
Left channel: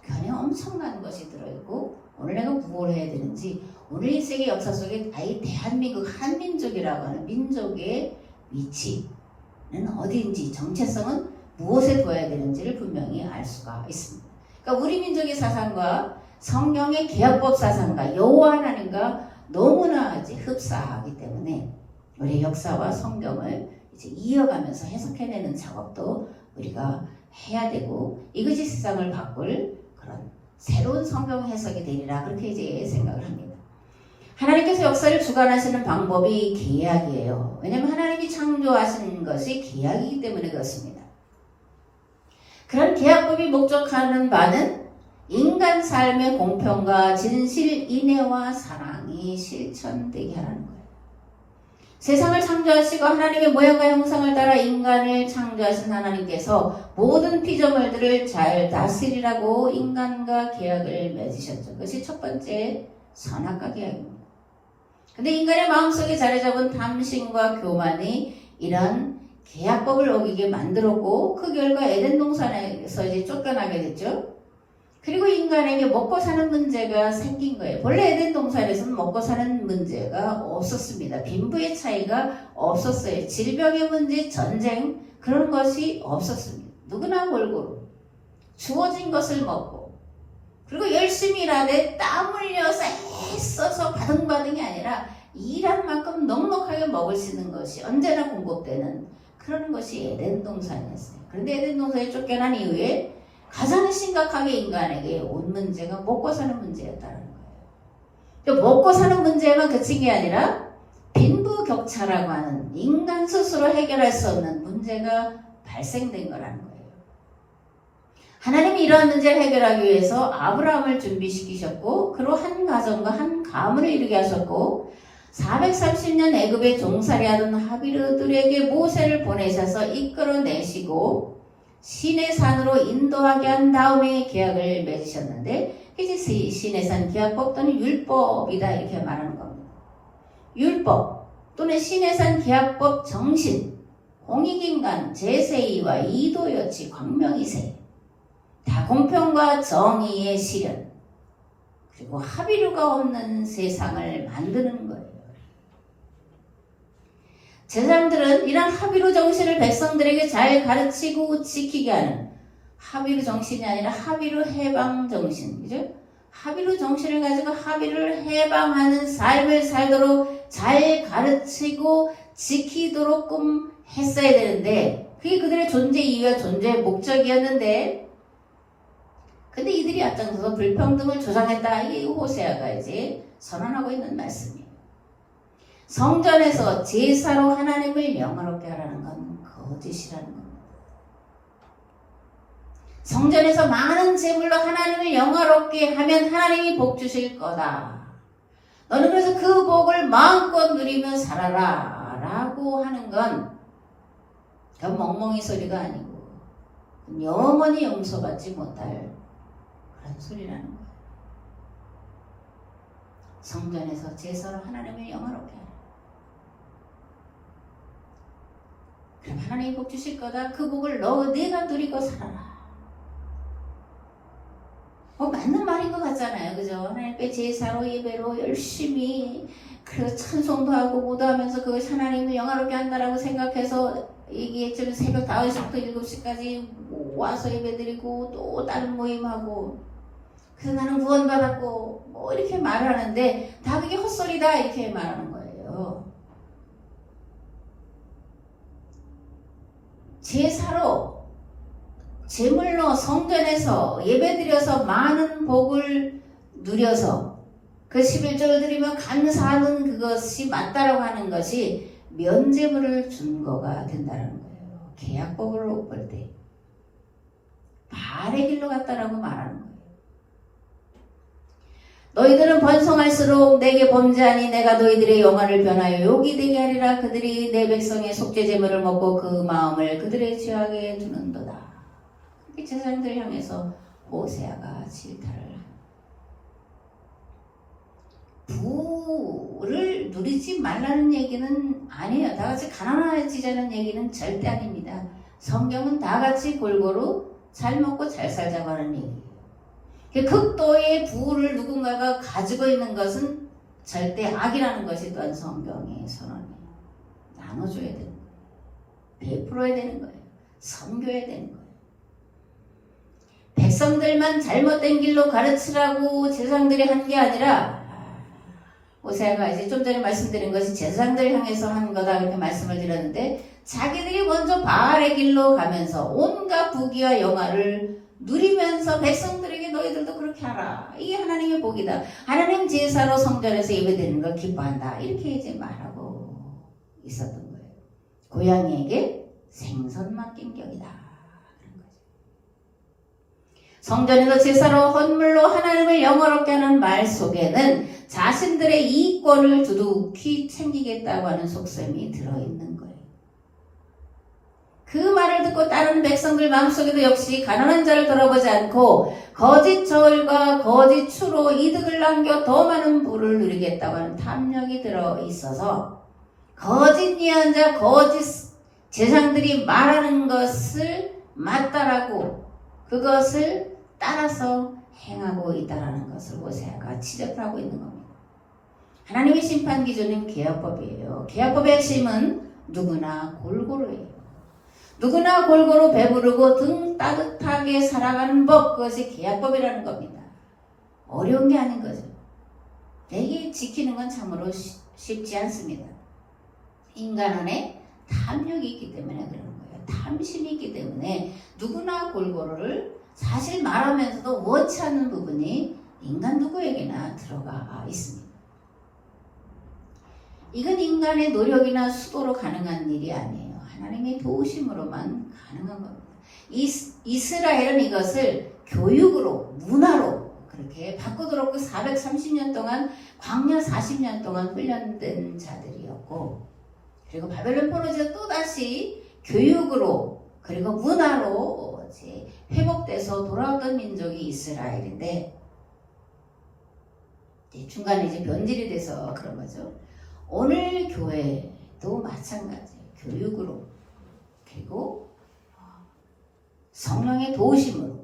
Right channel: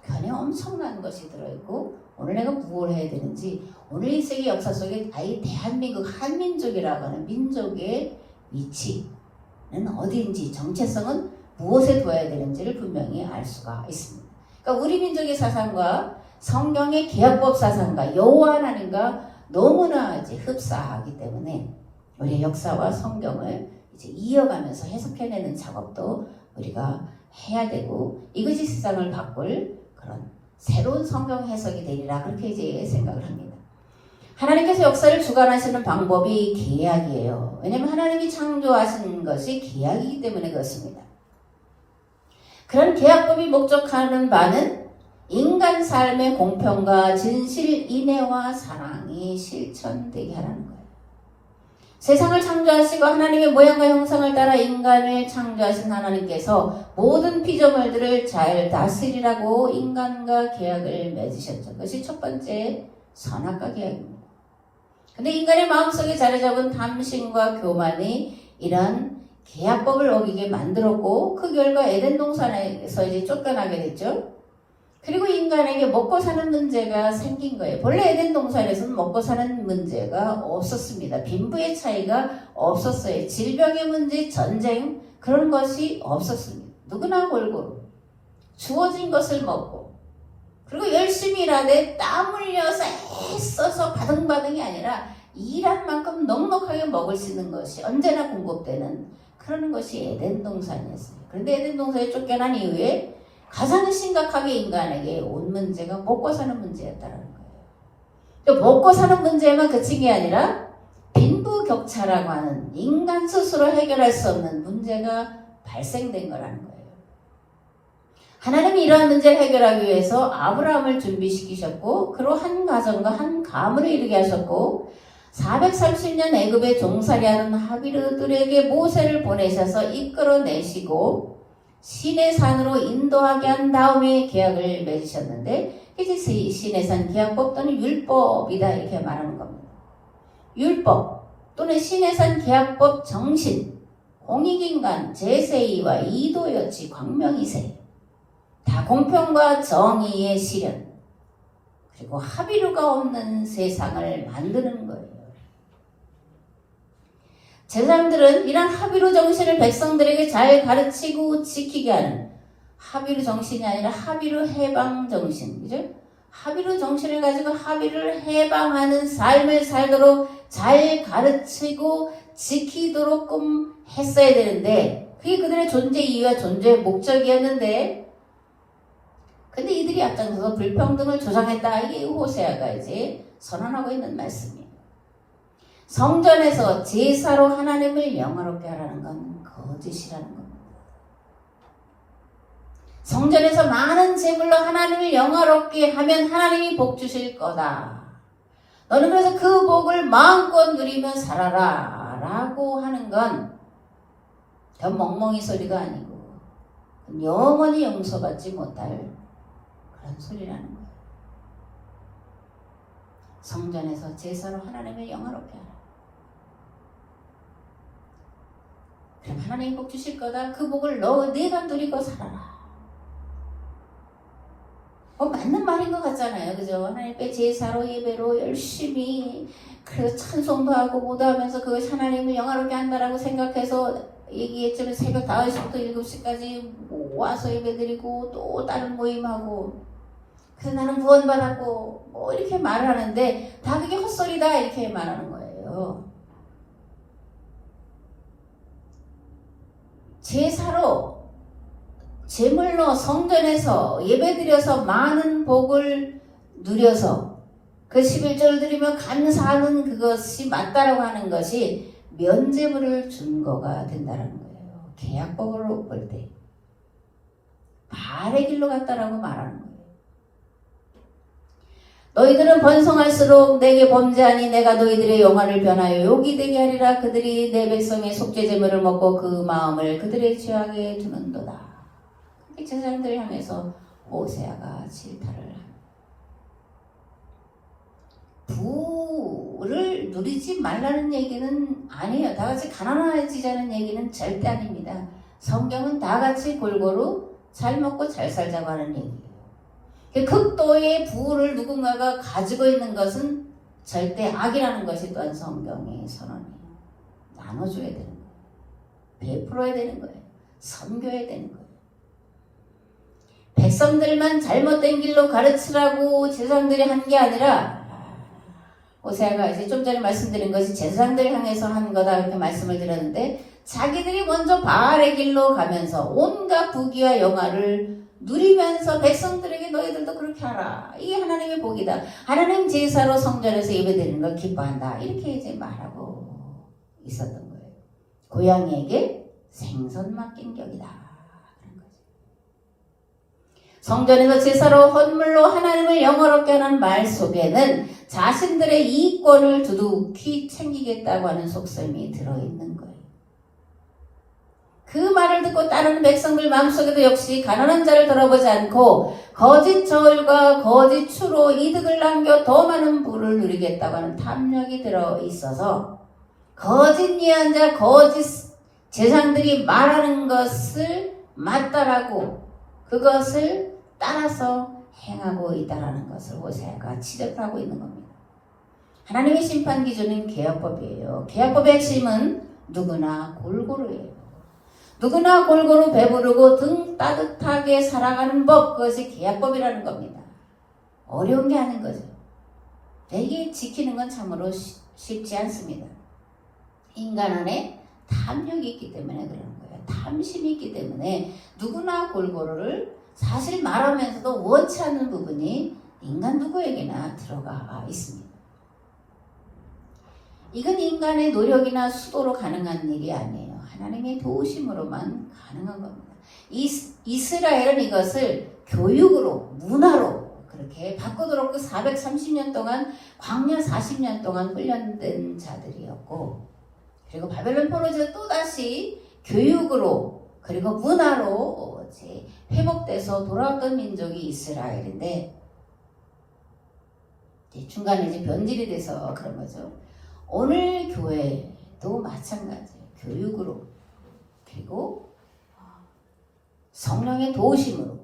그 안에 엄청난 것이 들어있고 오늘 내가 무엇을 해야 되는지 오늘 인생의 역사 속에 아예 대한민국 한민족이라고 하는 민족의 위치는 어디인지 정체성은 무엇에 둬야 되는지를 분명히 알 수가 있습니다. 그러니까 우리 민족의 사상과 성경의 개혁법 사상과 여호와 하나님과 너무나 이제 흡사하기 때문에 우리 역사와 성경을 이제 이어가면서 해석해내는 작업도 우리가 해야 되고 이것이 세상을 바꿀 그런 새로운 성경 해석이 되리라 그렇게 이제 생각을 합니다. 하나님께서 역사를 주관하시는 방법이 계약이에요. 왜냐하면 하나님이 창조하신 것이 계약이기 때문에 그렇습니다. 그런 계약법이 목적하는 바는 인간 삶의 공평과 진실, 인애와 사랑이 실천되게 하라는 거예요. 세상을 창조하시고 하나님의 모양과 형상을 따라 인간을 창조하신 하나님께서 모든 피조물들을 잘 다스리라고 인간과 계약을 맺으셨죠. 그것이 첫 번째 선악과 계약입니다. 근데 인간의 마음속에 자리 잡은 탐심과 교만이 이런 계약법을 어기게 만들었고 그 결과 에덴 동산에서 이제 쫓겨나게 됐죠. 그리고 인간에게 먹고 사는 문제가 생긴 거예요. 본래 에덴 동산에서는 먹고 사는 문제가 없었습니다. 빈부의 차이가 없었어요. 질병의 문제, 전쟁 그런 것이 없었습니다. 누구나 골고루 주어진 것을 먹고 그리고 열심히 일하되 땀 흘려서 애써서 바등바등이 아니라 일한 만큼 넉넉하게 먹을 수 있는 것이 언제나 공급되는 그런 것이 에덴 동산이었어요. 그런데 에덴 동산에 쫓겨난 이후에 가장 심각하게 인간에게 온 문제가 먹고 사는 문제였다는 거예요. 먹고 사는 문제만 그친 게 아니라 빈부격차라고 하는 인간 스스로 해결할 수 없는 문제가 발생된 거라는 거예요. 하나님이 이러한 문제를 해결하기 위해서 아브라함을 준비시키셨고 그로 한 가정과 한 가문을 이루게 하셨고 430년 애굽에 종살이하던 하비르들에게 모세를 보내셔서 이끌어내시고 시내 산으로 인도하게 한 다음에 계약을 맺으셨는데 이제 시내 산 계약법 또는 율법이다 이렇게 말하는 겁니다. 율법 또는 시내 산 계약법 정신 공익인간 제세이와 이도여치 광명이세 다 공평과 정의의 실현 그리고 합의류가 없는 세상을 만드는 거예요. 제사장들은 이런 합의로 정신을 백성들에게 잘 가르치고 지키게 하는 합의로 정신이 아니라 합의로 해방 정신, 그죠? 합의로 정신을 가지고 합의를 해방하는 삶을 살도록 잘 가르치고 지키도록끔 했어야 되는데 그게 그들의 존재 이유와 존재의 목적이었는데 근데 이들이 앞장서서 불평등을 조장했다. 이게 호세아가 이제 선언하고 있는 말씀이에요. 성전에서 제사로 하나님을 영화롭게 하라는 건 거짓이라는 겁니다. 성전에서 많은 제물로 하나님을 영화롭게 하면 하나님이 복 주실 거다. 너는 그래서 그 복을 마음껏 누리며 살아라 라고 하는 건 그 멍멍이 소리가 아니고 영원히 용서받지 못할 그런 소리라는 거예요. 성전에서 제사로 하나님을 영화롭게 하라. 그럼 하나님이 복 주실 거다. 그 복을 내가 누리고 살아라. 맞는 말인 것 같잖아요. 그죠? 하나님께 제사로 예배로 열심히 그래서 찬송도 하고 모도하면서 그것이 하나님을 영화롭게 한다라고 생각해서 얘기했지만 새벽 5시부터 7시까지 와서 예배드리고 또 다른 모임하고 그래서 나는 구원받았고 뭐 이렇게 말하는데 다 그게 헛소리다 이렇게 말하는 거예요. 제사로 제물로 성전에서 예배드려서 많은 복을 누려서 그 11조를 드리며 감사하는 그것이 맞다라고 하는 것이 면제물을 준 거가 된다는 거예요. 계약법으로 볼 때 바알의 길로 갔다라고 말하는 거예요. 너희들은 번성할수록 내게 범죄하니 내가 너희들의 영화를 변하여 욕이 되게 하리라. 그들이 내 백성의 속죄 제물을 먹고 그 마음을 그들의 죄악에 두는도다. 제사장들을 향해서 오세아가 질타를 합니다. 부를 누리지 말라는 얘기는 아니에요. 다 같이 가난해지자는 얘기는 절대 아닙니다. 성경은 다 같이 골고루 잘 먹고 잘 살자고 하는 얘기예요. 극도의 부를 누군가가 가지고 있는 것은 절대 악이라는 것이 또한 성경의 선언이에요. 나눠줘야 되는 거예요. 베풀어야 되는 거예요. 섬겨야 되는 거예요. 백성들만 잘못된 길로 가르치라고 제사장들이 한 게 아니라 오세아가 이제 좀 전에 말씀드린 것이 제사장들 향해서 한 거다 그렇게 말씀을 드렸는데 자기들이 먼저 바알의 길로 가면서 온갖 부귀와 영화를 누리면서 백성들에게 너희들도 그렇게 하라. 이게 하나님의 복이다. 하나님 제사로 성전에서 예배드리는 걸 기뻐한다. 이렇게 이제 말하고 있었던 거예요. 고양이에게 생선 맡긴 격이다. 그런 거죠. 성전에서 제사로 헌물로 하나님을 영화롭게 하는 말 속에는 자신들의 이익권을 두둑히 챙기겠다고 하는 속셈이 들어있는 거예요. 그 말을 듣고 따르는 백성들 마음속에도 역시 가난한 자를 돌아보지 않고 거짓 절과 거짓 추로 이득을 남겨 더 많은 부를 누리겠다고 하는 탐욕이 들어있어서 거짓 예언자, 거짓 제사장들이 말하는 것을 맞다라고 그것을 따라서 행하고 있다는 것을 오세아가 지적을 하고 있는 겁니다. 하나님의 심판 기준은 계약법이에요. 계약법의 핵심은 누구나 골고루예요. 누구나 골고루 배부르고 등 따뜻하게 살아가는 법, 그것이 계약법이라는 겁니다. 어려운 게 아닌 거죠. 이게 지키는 건 참으로 쉽지 않습니다. 인간 안에 탐욕이 있기 때문에 그러는 거예요. 탐심이 있기 때문에 누구나 골고루를 사실 말하면서도 원치 않는 부분이 인간 누구에게나 들어가 있습니다. 이건 인간의 노력이나 수고로 가능한 일이 아니에요. 하나님의 도우심으로만 가능한 겁니다. 이스라엘은 이것을 교육으로, 문화로 그렇게 바꾸도록 430년 동안 광야 40년 동안 훈련된 자들이었고 그리고 바벨론 포로에서 또다시 교육으로 그리고 문화로 이제 회복돼서 돌아왔던 민족이 이스라엘인데 이제 중간에 이제 변질이 돼서 그런 거죠. 오늘 교회도 마찬가지예요. 교육으로 그리고 성령의 도우심으로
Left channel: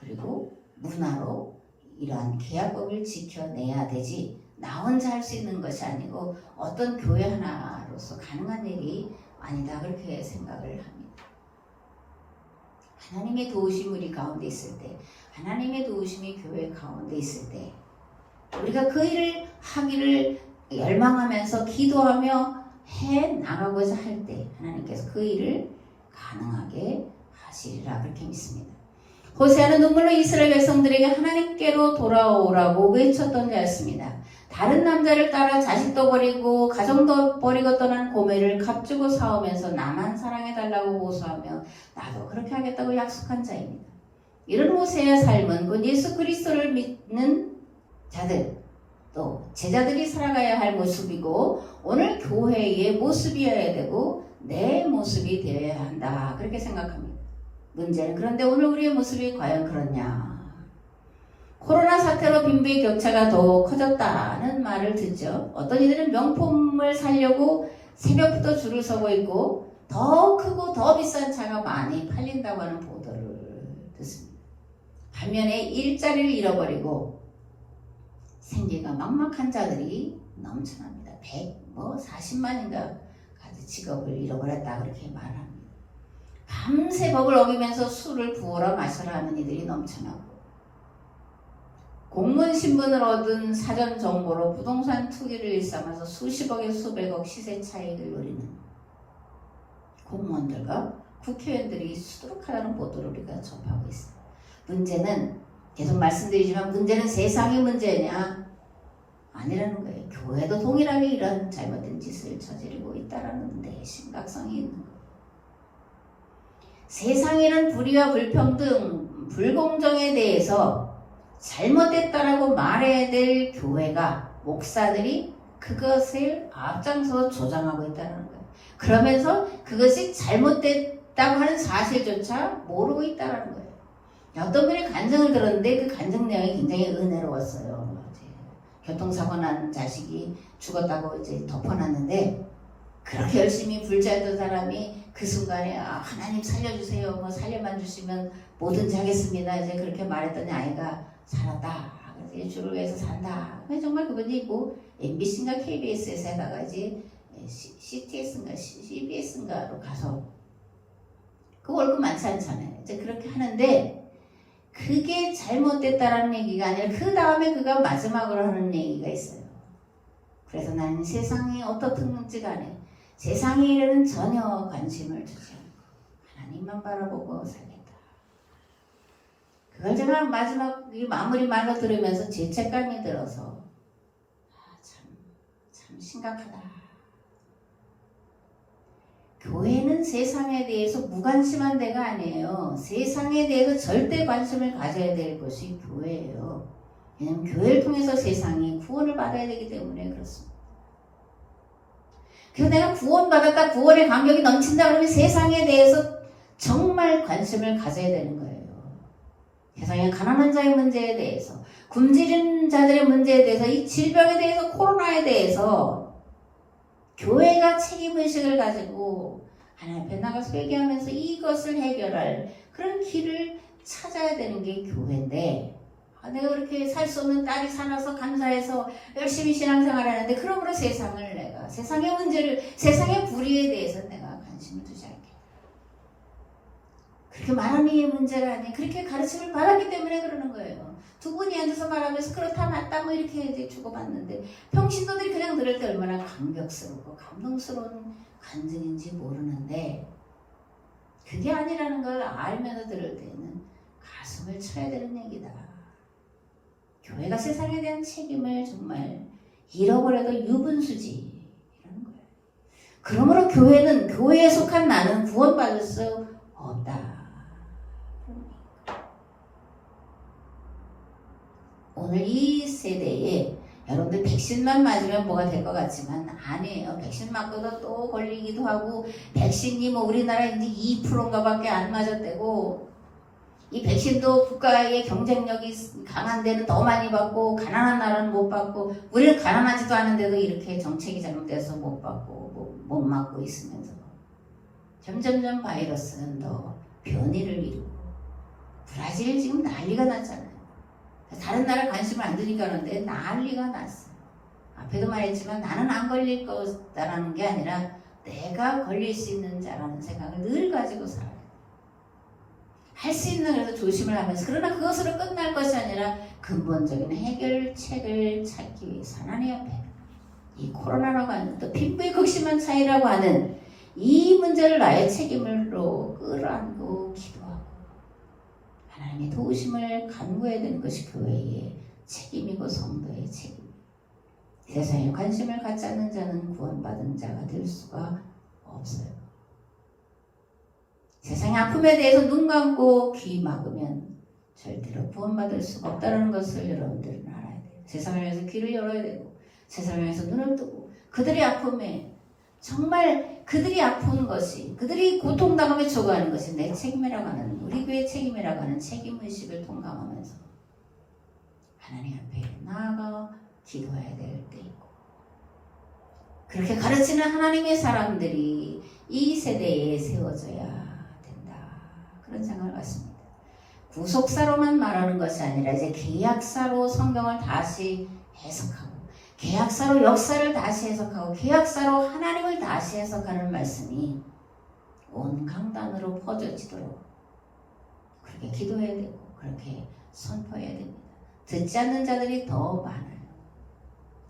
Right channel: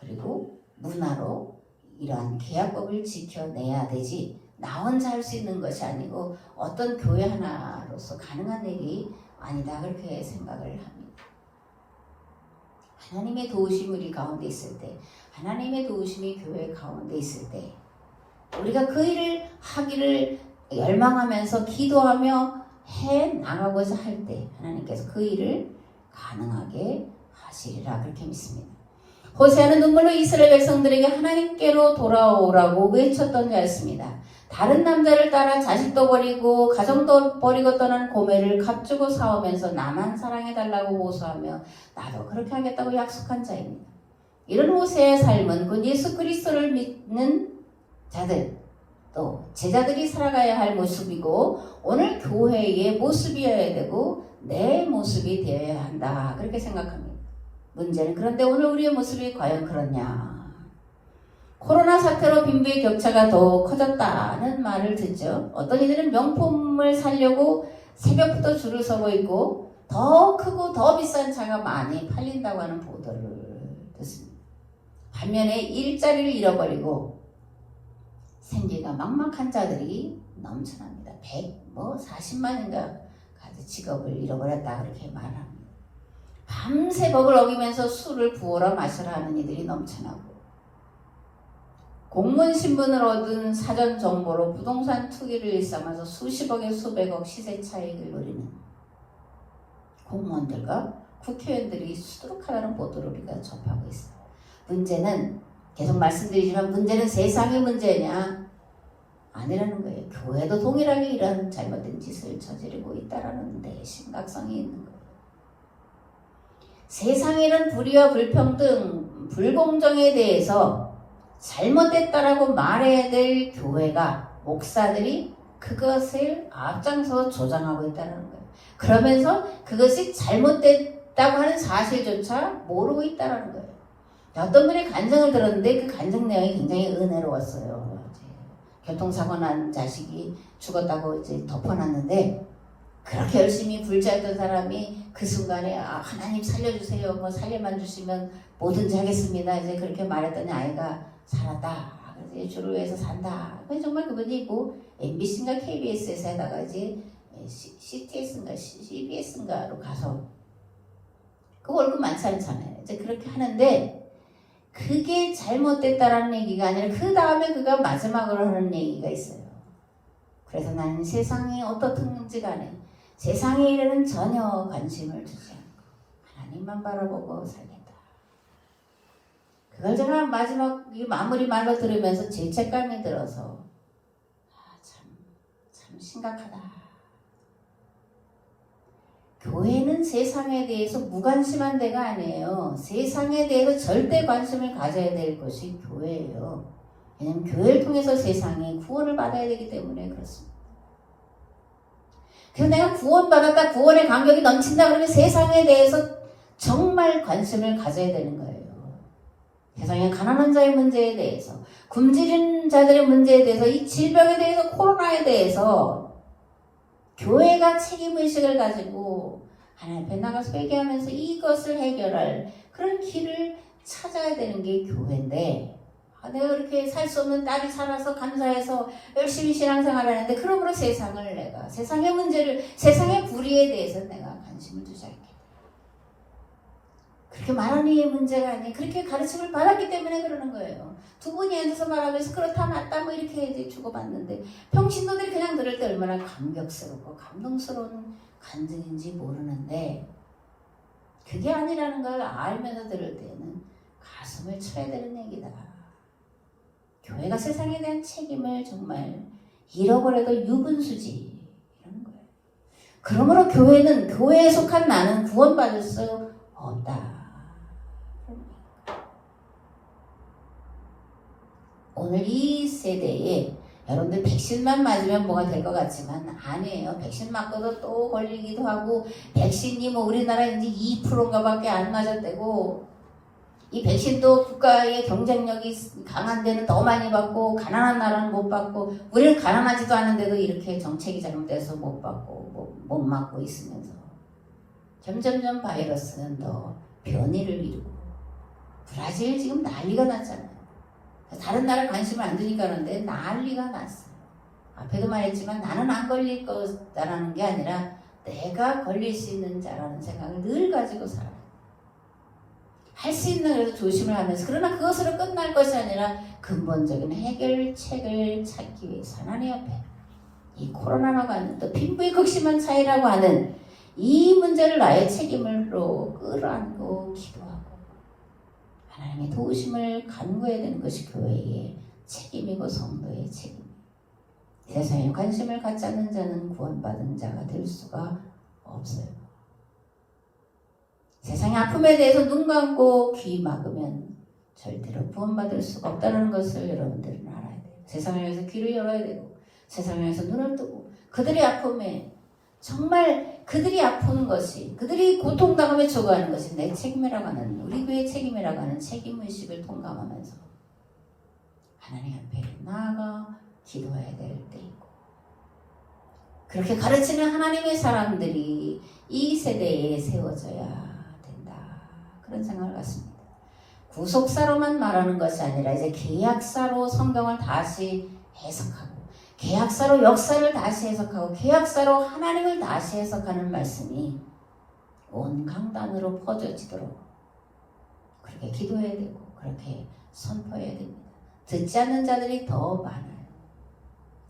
그리고 문화로 이러한 계약법을 지켜내야 되지 나 혼자 할 수 있는 것이 아니고 어떤 교회 하나로서 가능한 일이 아니다 그렇게 생각을 합니다. 하나님의 도우심이 우리 가운데 있을 때 하나님의 도우심이 교회 가운데 있을 때 우리가 그 일을 하기를 열망하면서 기도하며 해 나가고자 할 때 하나님께서 그 일을 가능하게 하시리라 그렇게 믿습니다. 호세아는 눈물로 이스라엘 백성들에게 하나님께로 돌아오라고 외쳤던 자였습니다. 다른 남자를 따라 자식도 버리고 가정도 버리고 떠난 고멜을 값주고 사오면서 나만 사랑해달라고 호소하며 나도 그렇게 하겠다고 약속한 자입니다. 이런 호세아의 삶은 곧 예수 그리스도를 믿는 자들 또 제자들이 살아가야 할 모습이고 오늘 교회의 모습이어야 되고 내 모습이 되어야 한다 그렇게 생각합니다. 문제는 그런데 오늘 우리의 모습이 과연 그렇냐. 코로나 사태로 빈부의 격차가 더 커졌다는 말을 듣죠. 어떤 이들은 명품을 사려고 새벽부터 줄을 서고 있고 더 크고 더 비싼 차가 많이 팔린다고 하는 보도를 듣습니다. 반면에 일자리를 잃어버리고 생계가 막막한 자들이 넘쳐납니다. 40만인가 가지 직업을 잃어버렸다 그렇게 말합니다. 밤새 법을 어기면서 술을 부어라 마시라 하는 이들이 넘쳐나고 공무원 신분을 얻은 사전 정보로 부동산 투기를 일삼아서 수십억에 수백억 시세 차익을 노리는 공무원들과 국회의원들이 수두룩하다는 보도를 우리가 접하고 있어요. 문제는 계속 말씀드리지만 문제는 세상의 문제냐? 아니라는 거예요. 교회도 동일하게 이런 잘못된 짓을 저지르고 있다는 데 심각성이 있는 거예요. 세상이란 불의와 불평등, 불공정에 대해서 잘못됐다라고 말해야 될 교회가 목사들이 그것을 앞장서 조장하고 있다는 거예요. 그러면서 그것이 잘못됐다고 하는 사실조차 모르고 있다는 거예요. 어떤 분의 간증을 들었는데 그 간증 내용이 굉장히 은혜로웠어요. 이제 교통사고 난 자식이 죽었다고 이제 덮어놨는데 그렇게 열심히 불자던 사람이 그 순간에 하나님 살려주세요. 뭐 살려만 주시면 뭐든지 하겠습니다. 이제 그렇게 말했더니 아이가 살았다. 그래서 주를 위해서 산다. 정말 그분이 뭐 MBC인가 KBS에서 하다가 이제 CTS인가 CBS인가로 가서 그 월급 많지 않잖아요. 이제 그렇게 하는데 그게 잘못됐다라는 얘기가 아니라 그 다음에 그가 마지막으로 하는 얘기가 있어요. 그래서 나는 세상에 어떻든지 간에 세상의 일에는 전혀 관심을 주지 않고 하나님만 바라보고 살겠다. 그걸 제가 마지막 마무리 말로 들으면서 죄책감이 들어서 참 심각하다. 교회는 세상에 대해서 무관심한 데가 아니에요. 세상에 대해서 절대 관심을 가져야 될 것이 교회예요. 왜냐하면 교회를 통해서 세상이 구원을 받아야 되기 때문에 그렇습니다. 그래서 내가 구원받았다, 구원의 감격이 넘친다 그러면 세상에 대해서 정말 관심을 가져야 되는 거예요. 세상의 가난한 자의 문제에 대해서, 굶주린 자들의 문제에 대해서, 이 질병에 대해서, 코로나에 대해서 교회가 책임의식을 가지고 하나님 앞에 나가서 회개하면서 이것을 해결할 그런 길을 찾아야 되는 게 교회인데, 내가 그렇게 살 수 없는 딸이 살아서 감사해서 열심히 신앙생활을 하는데 그러므로 세상을 내가 세상의 문제를 세상의 불의에 대해서 내가 관심을 두지 않겠다. 그렇게 말하는 이 문제가 아니 그렇게 가르침을 받았기 때문에 그러는 거예요. 두 분이 앉아서 말하면서 그렇다 맞다 뭐 이렇게 이제 주고받는데 평신도들이 그냥 들을 때 얼마나 감격스럽고 감동스러운 간증인지 모르는데 그게 아니라는 걸 알면서 들을 때는 가슴을 쳐야 되는 얘기다. 교회가 세상에 대한 책임을 정말 잃어버려도 유분수지 이러는 거예요. 그러므로 교회는 교회에 속한 나는 구원받을 수 없다. 오늘 이 세대에 여러분들 백신만 맞으면 뭐가 될 것 같지만 아니에요. 백신 맞고도 또 걸리기도 하고 백신이 뭐 우리나라 이제 2%인가 밖에 안 맞았대고 이 백신도 국가의 경쟁력이 강한 데는 더 많이 받고 가난한 나라는 못 받고 우리는 가난하지도 않은데도 이렇게 정책이 잘못돼서 못 받고 못 맞고 있으면서 점점점 바이러스는 더 변이를 이루고 브라질 지금 난리가 났잖아요. 다른 나라 관심을 안 두니까 그런데 난리가 났어요. 앞에도 말했지만 나는 안 걸릴 거다라는 게 아니라 내가 걸릴 수 있는 자라는 생각을 늘 가지고 살아요. 할 수 있는 그래서 조심을 하면서 그러나 그것으로 끝날 것이 아니라 근본적인 해결책을 찾기 위해서 하나님 앞에 이 코로나라고 하는 또 빈부의 극심한 차이라고 하는 이 문제를 나의 책임으로 끌어안고 기도하고 하나님의 도우심을 간구해야 되는 것이 교회의 책임이고 성도의 책임. 세상에 관심을 갖지 않는 자는 구원받은 자가 될 수가 없어요. 세상의 아픔에 대해서 눈 감고 귀 막으면 절대로 구원받을 수가 없다는 것을 여러분들은 알아야 돼요. 세상을 위해서 귀를 열어야 되고 세상을 위해서 눈을 뜨고 그들의 아픔에 정말 그들이 아픈 것이 그들이 고통당하며 죽어가는 것이 내 책임이라고 하는 우리 교회의 책임이라고 하는 책임의식을 통감하면서 하나님 앞에 나아가 기도해야 될 때이고 그렇게 가르치는 하나님의 사람들이 이 세대에 세워져야 그런 생각을 갖습니다. 구속사로만 말하는 것이 아니라 이제 계약사로 성경을 다시 해석하고 계약사로 역사를 다시 해석하고 계약사로 하나님을 다시 해석하는 말씀이 온 강단으로 퍼져지도록 그렇게 기도해야 되고 그렇게 선포해야 됩니다. 듣지 않는 자들이 더 많아요.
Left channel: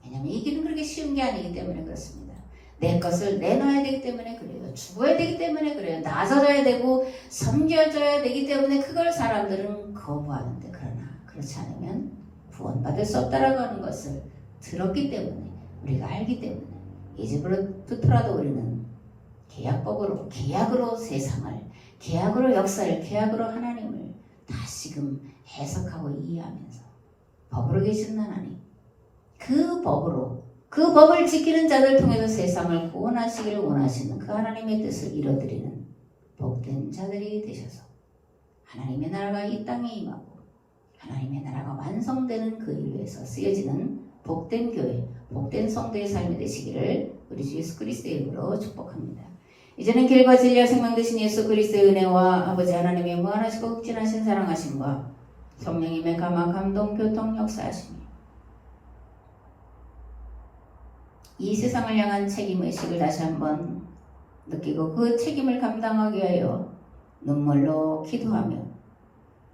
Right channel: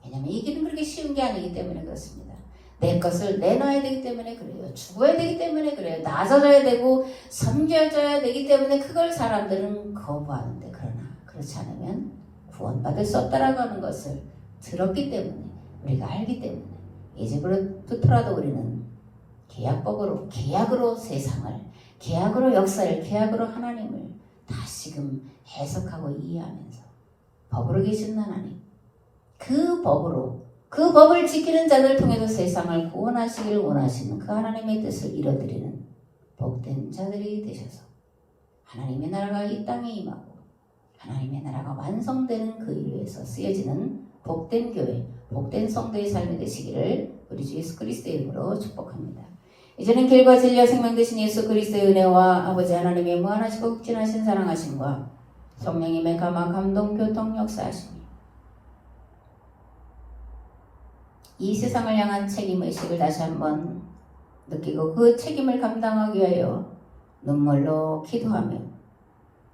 왜냐하면 이 길은 그렇게 쉬운 게 아니기 때문에 그렇습니다. 내 것을 내놔야 되기 때문에 그래요. 죽어야 되기 때문에 그래요. 낮아져야 되고 섬겨져야 되기 때문에 그걸 사람들은 거부하는데 그러나 그렇지 않으면 구원받을 수 없다라고 하는 것을 들었기 때문에 우리가 알기 때문에 이제부터라도 우리는 계약으로 세상을 계약으로 역사를 계약으로 하나님을 다시금 해석하고 이해하면서 법으로 계신 하나님 그 법을 지키는 자들 통해서 세상을 구원하시기를 원하시는 그 하나님의 뜻을 이뤄드리는 복된 자들이 되셔서 하나님의 나라가 이 땅에 임하고 하나님의 나라가 완성되는 그 일 위해서 쓰여지는 복된 교회, 복된 성도의 삶이 되시기를 우리 주 예수 그리스도의 이름으로 축복합니다. 이제는 길과 진리와 생명 되신 예수 그리스도의 은혜와 아버지 하나님의 무한하시고 극진하신 사랑하심과 성령님의 감화 감동 교통 역사하심이 이 세상을 향한 책임의식을 다시 한번 느끼고 그 책임을 감당하기 위하여 눈물로 기도하며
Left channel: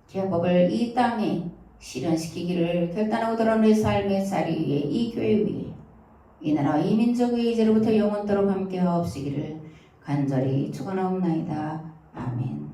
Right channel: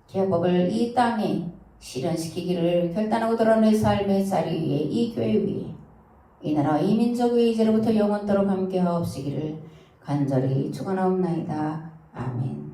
계약법을 이 땅에 실현시키기를 결단하고 드러낸 삶의 자리 위에 이 교회 위에 이 나라와 이 민족 위에 이제로부터 영원토록 함께 하옵시기를 간절히 축원하옵나이다. 아멘.